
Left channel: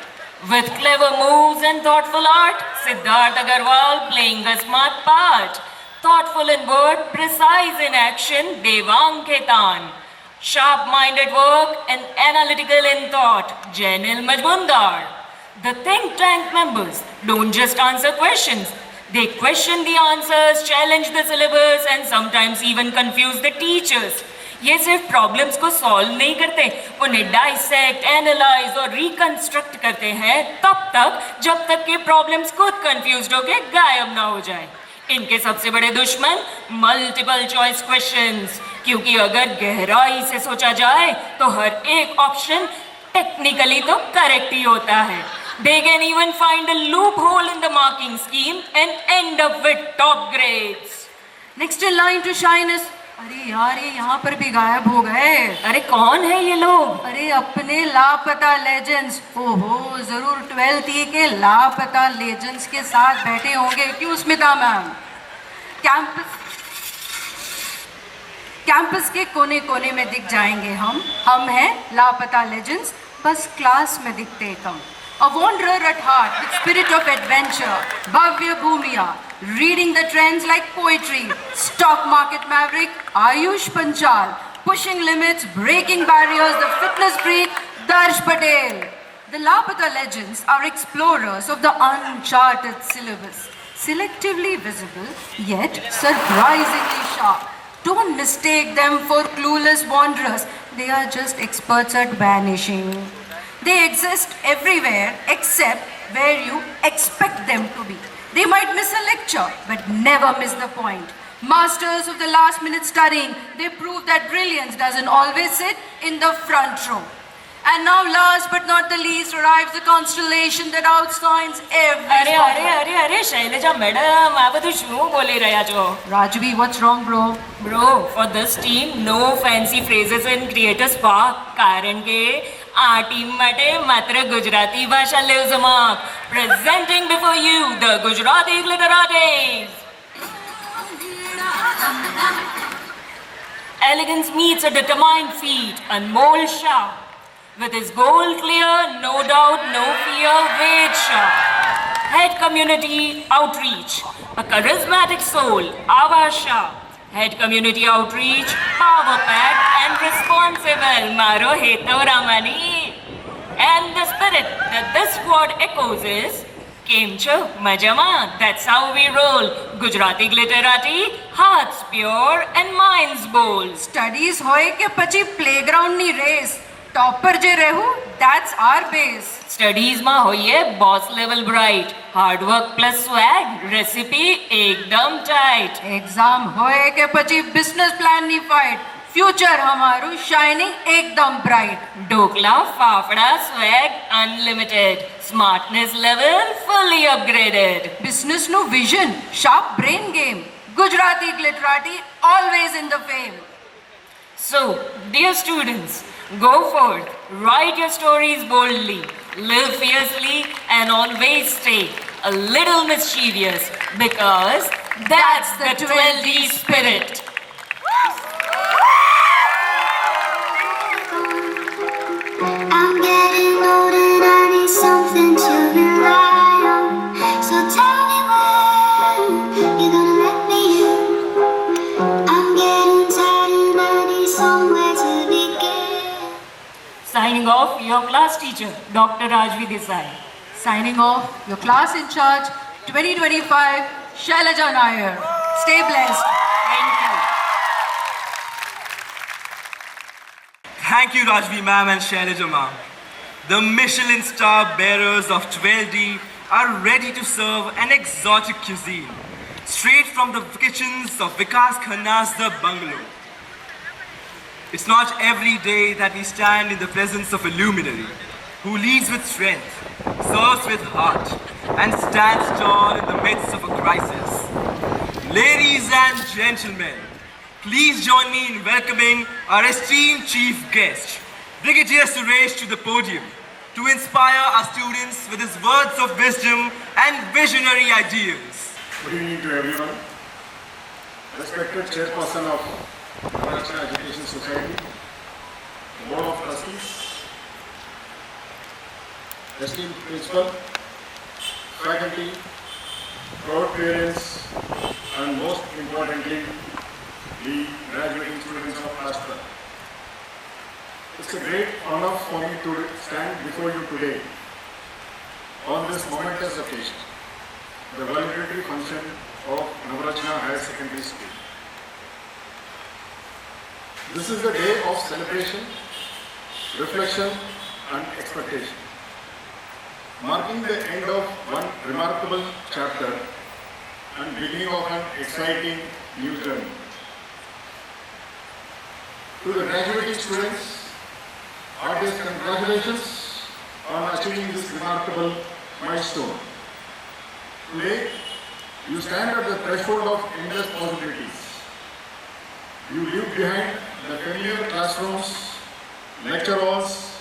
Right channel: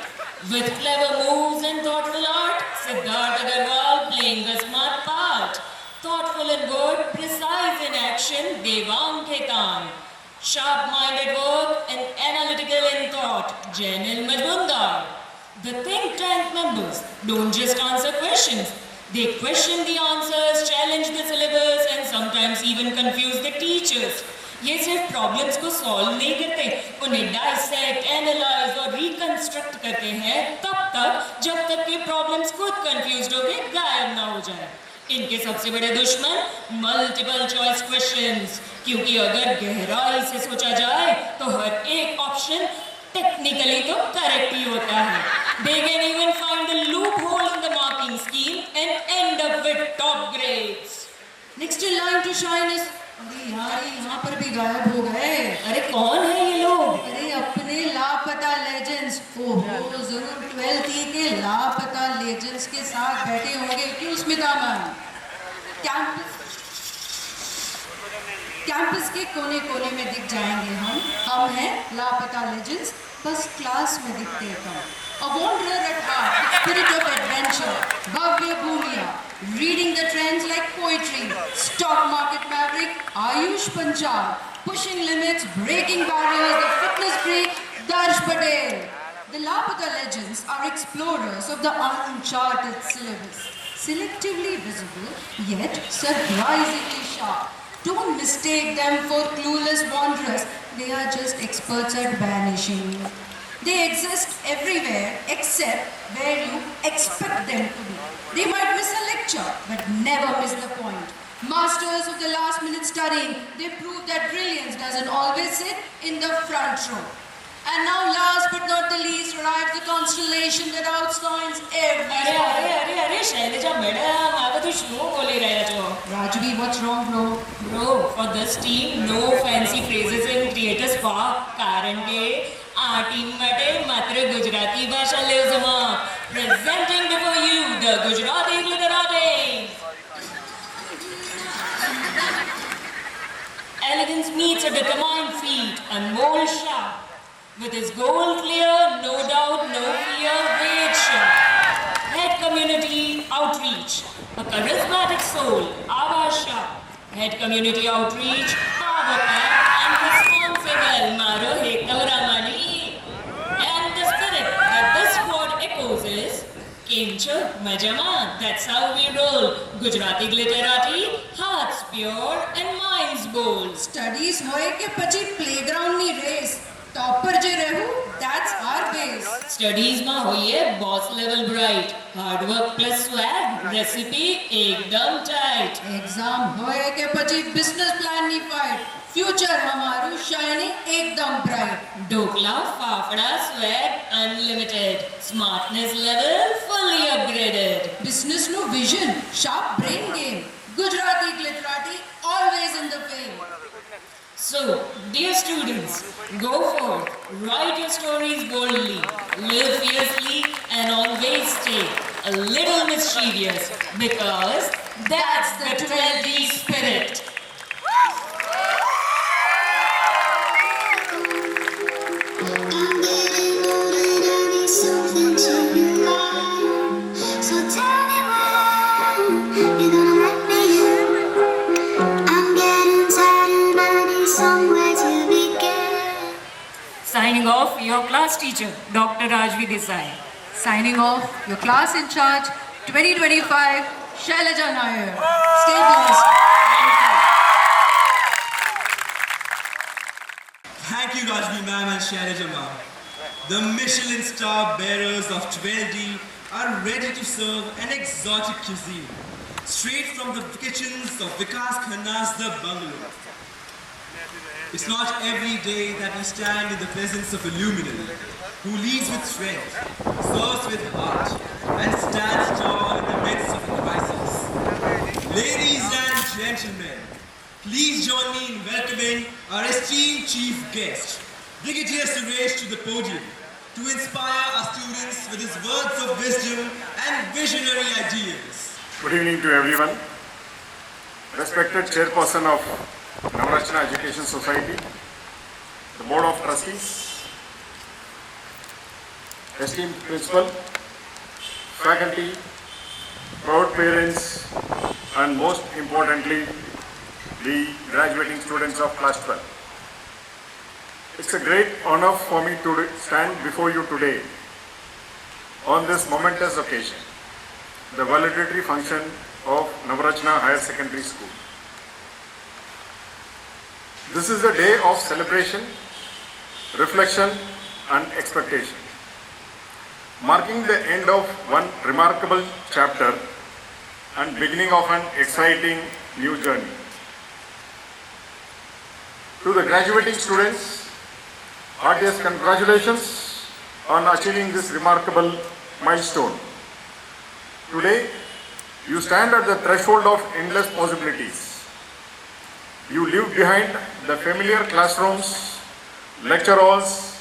With clever moves and thoughtful art, Siddharth Agarwal playing a smart part. Thoughtful in word, precise in action, Devang Khetan. Sharp-minded work and analytical in thought, Janil Majmundar. The think tank members don't just answer questions. They question the answers, challenge the syllabus and sometimes even confuse the teachers. ये सिर्फ problems को solve नहीं करते, उन्हें dissect, analyse और reconstruct करते हैं तब तक जब तक कि प्रॉब्लम्स खुद कंफ्यूज्ड होके गायब ना हो जाए. इनके सबसे बड़े दुश्मन मल्टीपल चॉइस क्वेश्चंस, क्योंकि अगर गहराई से सोचा जाए तो हर एक ऑप्शन टेक्निकली तो करेक्ट ही होता है. They can even find a loophole in the marking scheme and end up with top grades. Next in line to shine is, अरे यार ये यहाँ पर भी गायब हो गए. अरे कौन है ये लोग? अरे अपने लापता लेजेंड्स. ओहो, जरूर 12th के लापता लेजेंड्स के साथ बैठे होंगे. क्यों स्मिता मैम? कैंपस के कोने कोने में दिख जाएंगे हम हैं लापता लेजेंड्स, बस क्लास में दिखते कम. A wanderer at heart, with spirit of adventure, Bhavya Bhumia, reading the trends like poetry, stock market maverick, Ayush Panchal, pushing limits, breaking barriers, the fitness freak, Darsh Patel. The Lapata legends are explorers of the uncharted syllabus, selectively visible, yet surprisingly sharp. Don't mistake them for clueless wanderers, they are just experts at vanishing. They exist everywhere except where you expect them to be. They might miss a lecture, but never miss the point. Masters of the last minute studying, they prove that brilliance doesn't always sit in the front row. And now, last but not the least, arrives the constellation that outshines every અરે spot. અરે અરે અરે Shailaja madam આ બધું શું બોલી રહ્યા છો? Rajvi, what's wrong, bro? Bro, for this team, no fancy phrases in Creator Spark. કારણ કે આ ટીમ માટે માત્ર ગુજરાતી ભાષા lives among. Presenting before you the Gujarati Gliteratis. Elegance meets a determined feat, Anmol Shah. With his goal clear, no doubt, no fear, Ved Shah. Head community outreach, a charismatic soul, Ava Shah. Head community outreach, power pack and responsible, Maro Heto Ramani. And the spirit that this squad echoes is, Kem Cho Majama, that's how we roll. Gujarati Glitterati, hearts pure and minds bold. Studies hoye ke pachi playground ni race. Topper je rehu, that's our base. Studies માં હોઈએ boss level bright. Hard work plus swag, recipe એકદમ tight. Exam hoye ke pachi business plan ni fight. Future hamaru shining ekdam bright. Dokla, fafda, swag unlimited. Smartness level fully upgraded. Business no vision, sharp brain game. Gujarati Glitterati always in the fame. So, dear students, go forth, write your stories boldly, live fiercely, and always stay a little mischievous because that's the 12D spirit. I'm getting old and I need something to rely on. So tell me when you're gonna let me in. I'm getting tired and I need somewhere to begin. Signing off, your class teacher, Dr. Rajvi Desai. Signing off, your class in charge 2025, Shailaja Nair. Stay blessed. Thank you, Rajvi ma'am and Shailaja ma'am. The Michelin star bearers of 12D are ready to serve an exotic cuisine, straight from the kitchens of Vikas Khanna's The Bungalow. It's not every day that we stand in the presence of a luminary who leads with strength, serves with heart, and stands tall in the midst of a crisis. Ladies and gentlemen, please join me in welcoming our esteemed chief guest, Brigadier Suresh, to the podium to inspire our students with his words of wisdom and visionary ideas. Good evening to everyone. Respected Chairperson of Navrachana Education Society, the Board of Trustees, esteemed Principal, faculty, proud parents, and most importantly, the graduating students of Class 12. It's a great honor for me to stand before you today on this momentous occasion, the valedictory function of Navrachana Higher Secondary School. This is a day of celebration, reflection and expectation, marking the end of one remarkable chapter and beginning of an exciting new journey. To the graduating students, heartiest congratulations on achieving this remarkable milestone. Today, you stand at the threshold of endless possibilities. You leave behind the familiar classrooms, lecture halls,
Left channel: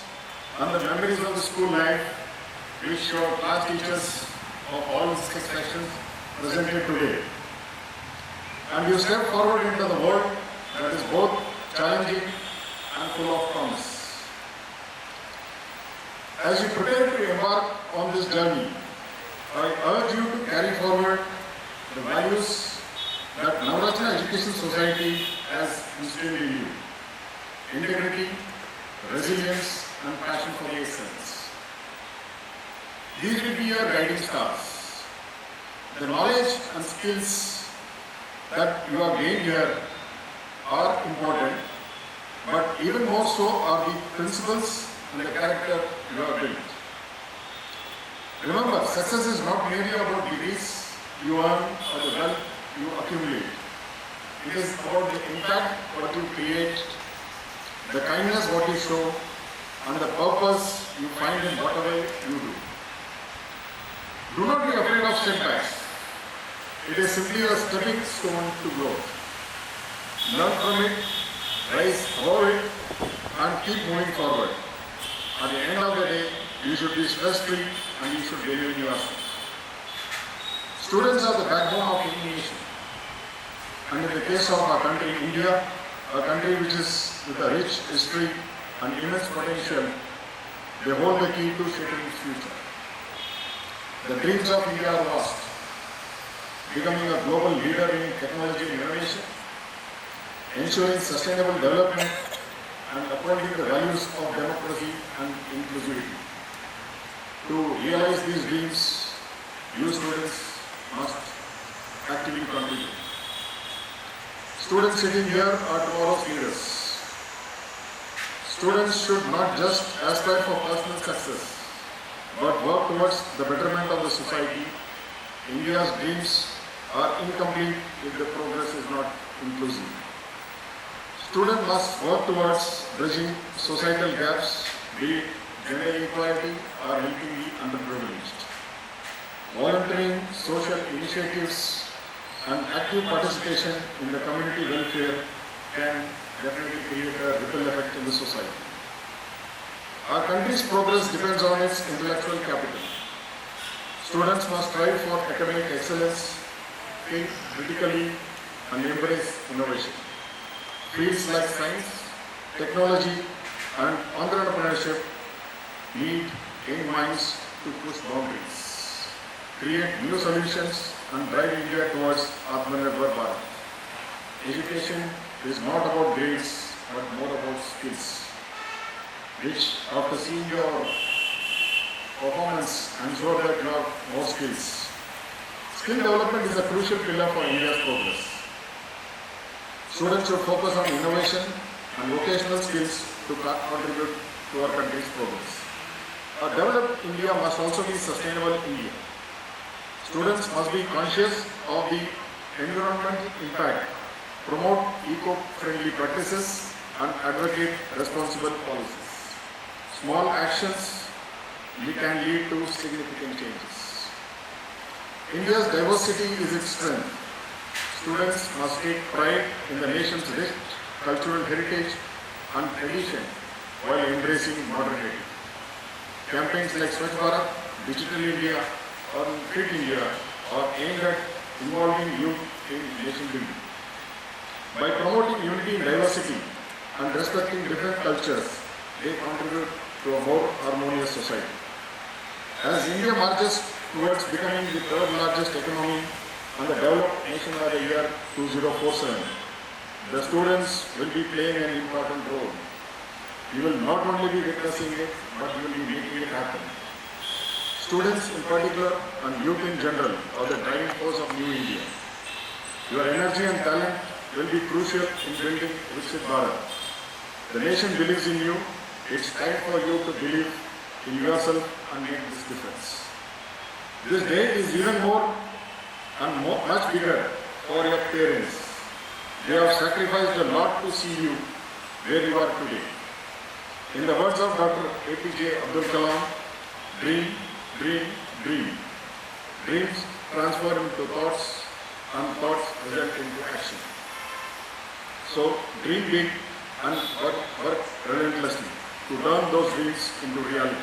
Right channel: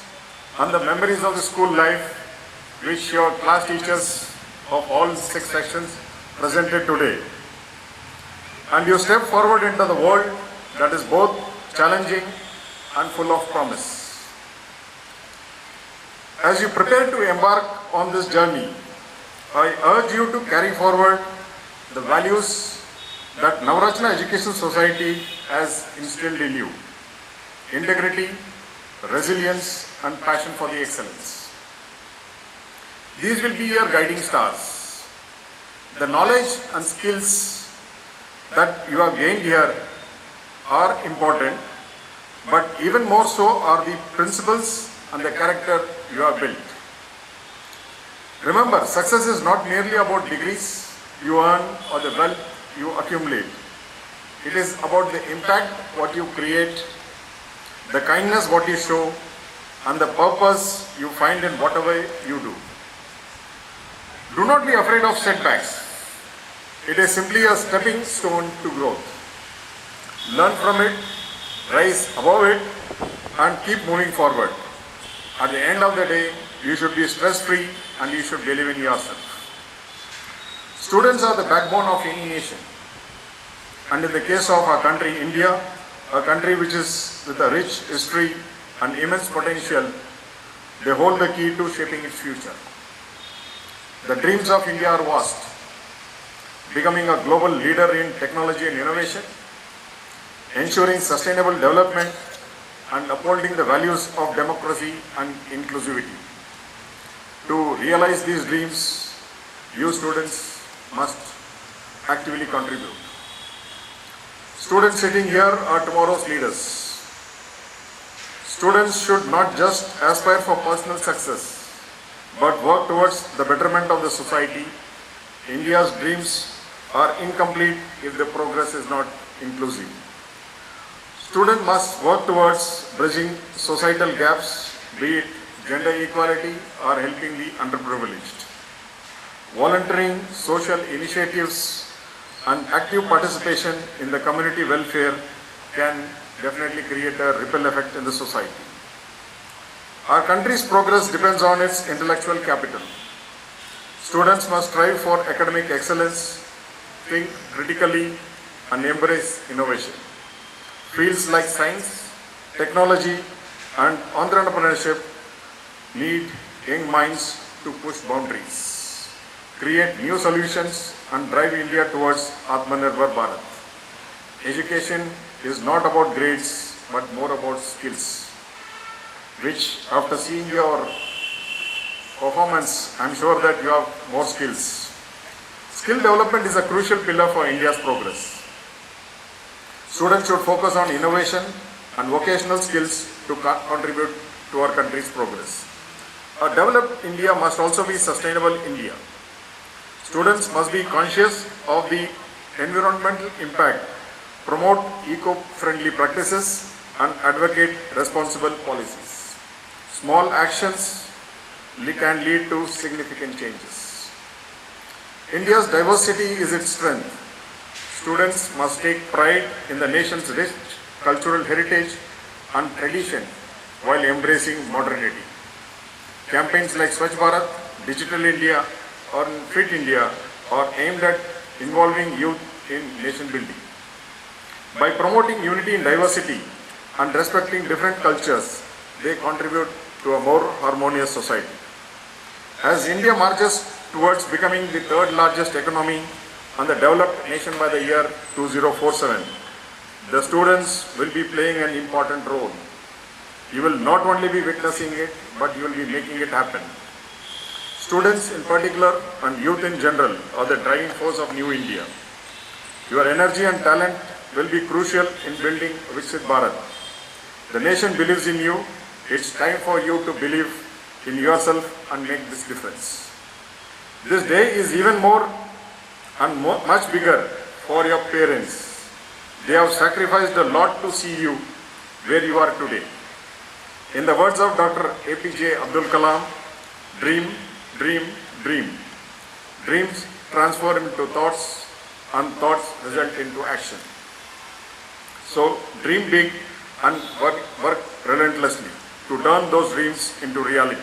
and the memories of the school life which your class teachers of all 6 sections presented today. And you step forward into the world that is both challenging and full of promise. As you prepare to embark on this journey, I urge you to carry forward the values that Navrachana Education Society has instilled in you: integrity, resilience, and passion for the excellence. These will be your guiding stars. The knowledge and skills that you have gained here are important, but even more so are the principles and the character you have built. Remember, success is not merely about degrees you earn or the wealth you accumulate. It is about the impact what you create, the kindness what you show, and the purpose you find in whatever you do. Do not be afraid of setbacks. It is simply a stepping stone to growth. Learn from it, rise above it, and keep moving forward. At the end of the day, you should be stress-free and you should believe in yourself. Students are the backbone of any nation. And in the case of our country, India, a country which is with a rich history and immense potential, they hold the key to shaping its future. The dreams of India are vast, becoming a global leader in technology and innovation, ensuring sustainable development, and upholding the values of democracy and inclusivity. To realize these dreams, you students must actively contribute. Students sitting here are tomorrow's leaders. Students should not just aspire for personal success, but work towards the betterment of the society. India's dreams are incomplete if the progress is not inclusive. Students must work towards bridging societal gaps, be it gender equality or helping the underprivileged. Volunteering, social initiatives, and active participation in the community welfare can definitely create a ripple effect in the society. Our country's progress depends on its intellectual capital. Students must strive for academic excellence, think critically, and embrace innovation. Fields like science, technology, and entrepreneurship need young minds to push boundaries, create new solutions, and drive India towards Atmanirbhar Bharat. Education is not about grades, but more about skills, which after seeing your performance, I'm sure that you have more skills. Skill development is a crucial pillar for India's progress. Students should focus on innovation and vocational skills to contribute to our country's progress. A developed India must also be sustainable India. Students must be conscious of the environmental impact, promote eco-friendly practices, and advocate responsible policies. Small actions can lead to significant changes. India's diversity is its strength. Students must take pride in the nation's rich cultural heritage and tradition while embracing modernity. Campaigns like Swachh Bharat, Digital India, or Fit India are aimed at involving youth in nation building. By promoting unity in diversity and respecting different cultures, they contribute to a more harmonious society. As India marches towards becoming the third largest economy and the developed nation by the year 2047, the students will be playing an important role. You will not only be witnessing it, but you will be making it happen. Students in particular and youth in general are the driving force of New India. Your energy and talent will be crucial in building Viksit Bharat. The nation believes in you. It's time for you to believe in yourself and make this difference. This day is even more and much bigger for your parents. They have sacrificed a lot to see you where you are today. In the words of Dr. APJ Abdul Kalam, dream, dream, dream. Dreams transform into thoughts and thoughts result into action. So dream big and work relentlessly to turn those dreams into reality.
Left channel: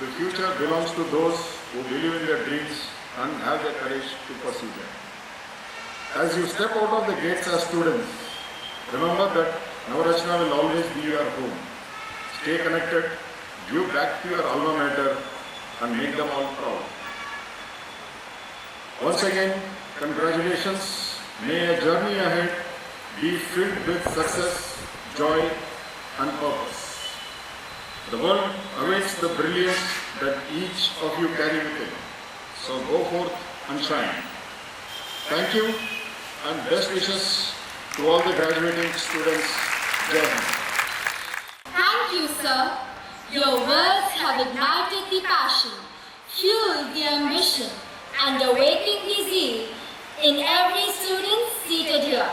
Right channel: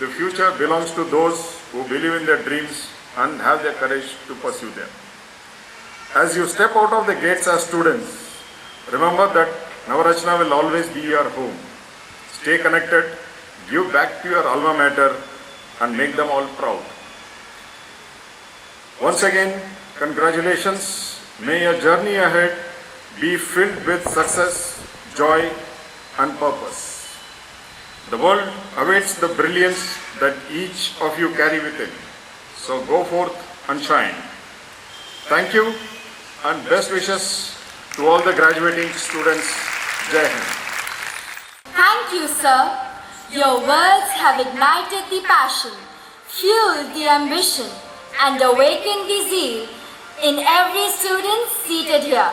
The future belongs to those who believe in their dreams and have the courage to pursue them. As you step out of the gates as students, remember that Navarachna will always be your home. Stay connected, give back to your alma mater, and make them all proud. Once again, congratulations. May your journey ahead be filled with success, joy, and purpose. The world awaits the brilliance that each of you carry within. So go forth and shine. Thank you and best wishes to all the graduating students. Jai Hind. Thank you, sir. Your words have ignited the passion, fueled the ambition, and awakened the zeal in every student seated here.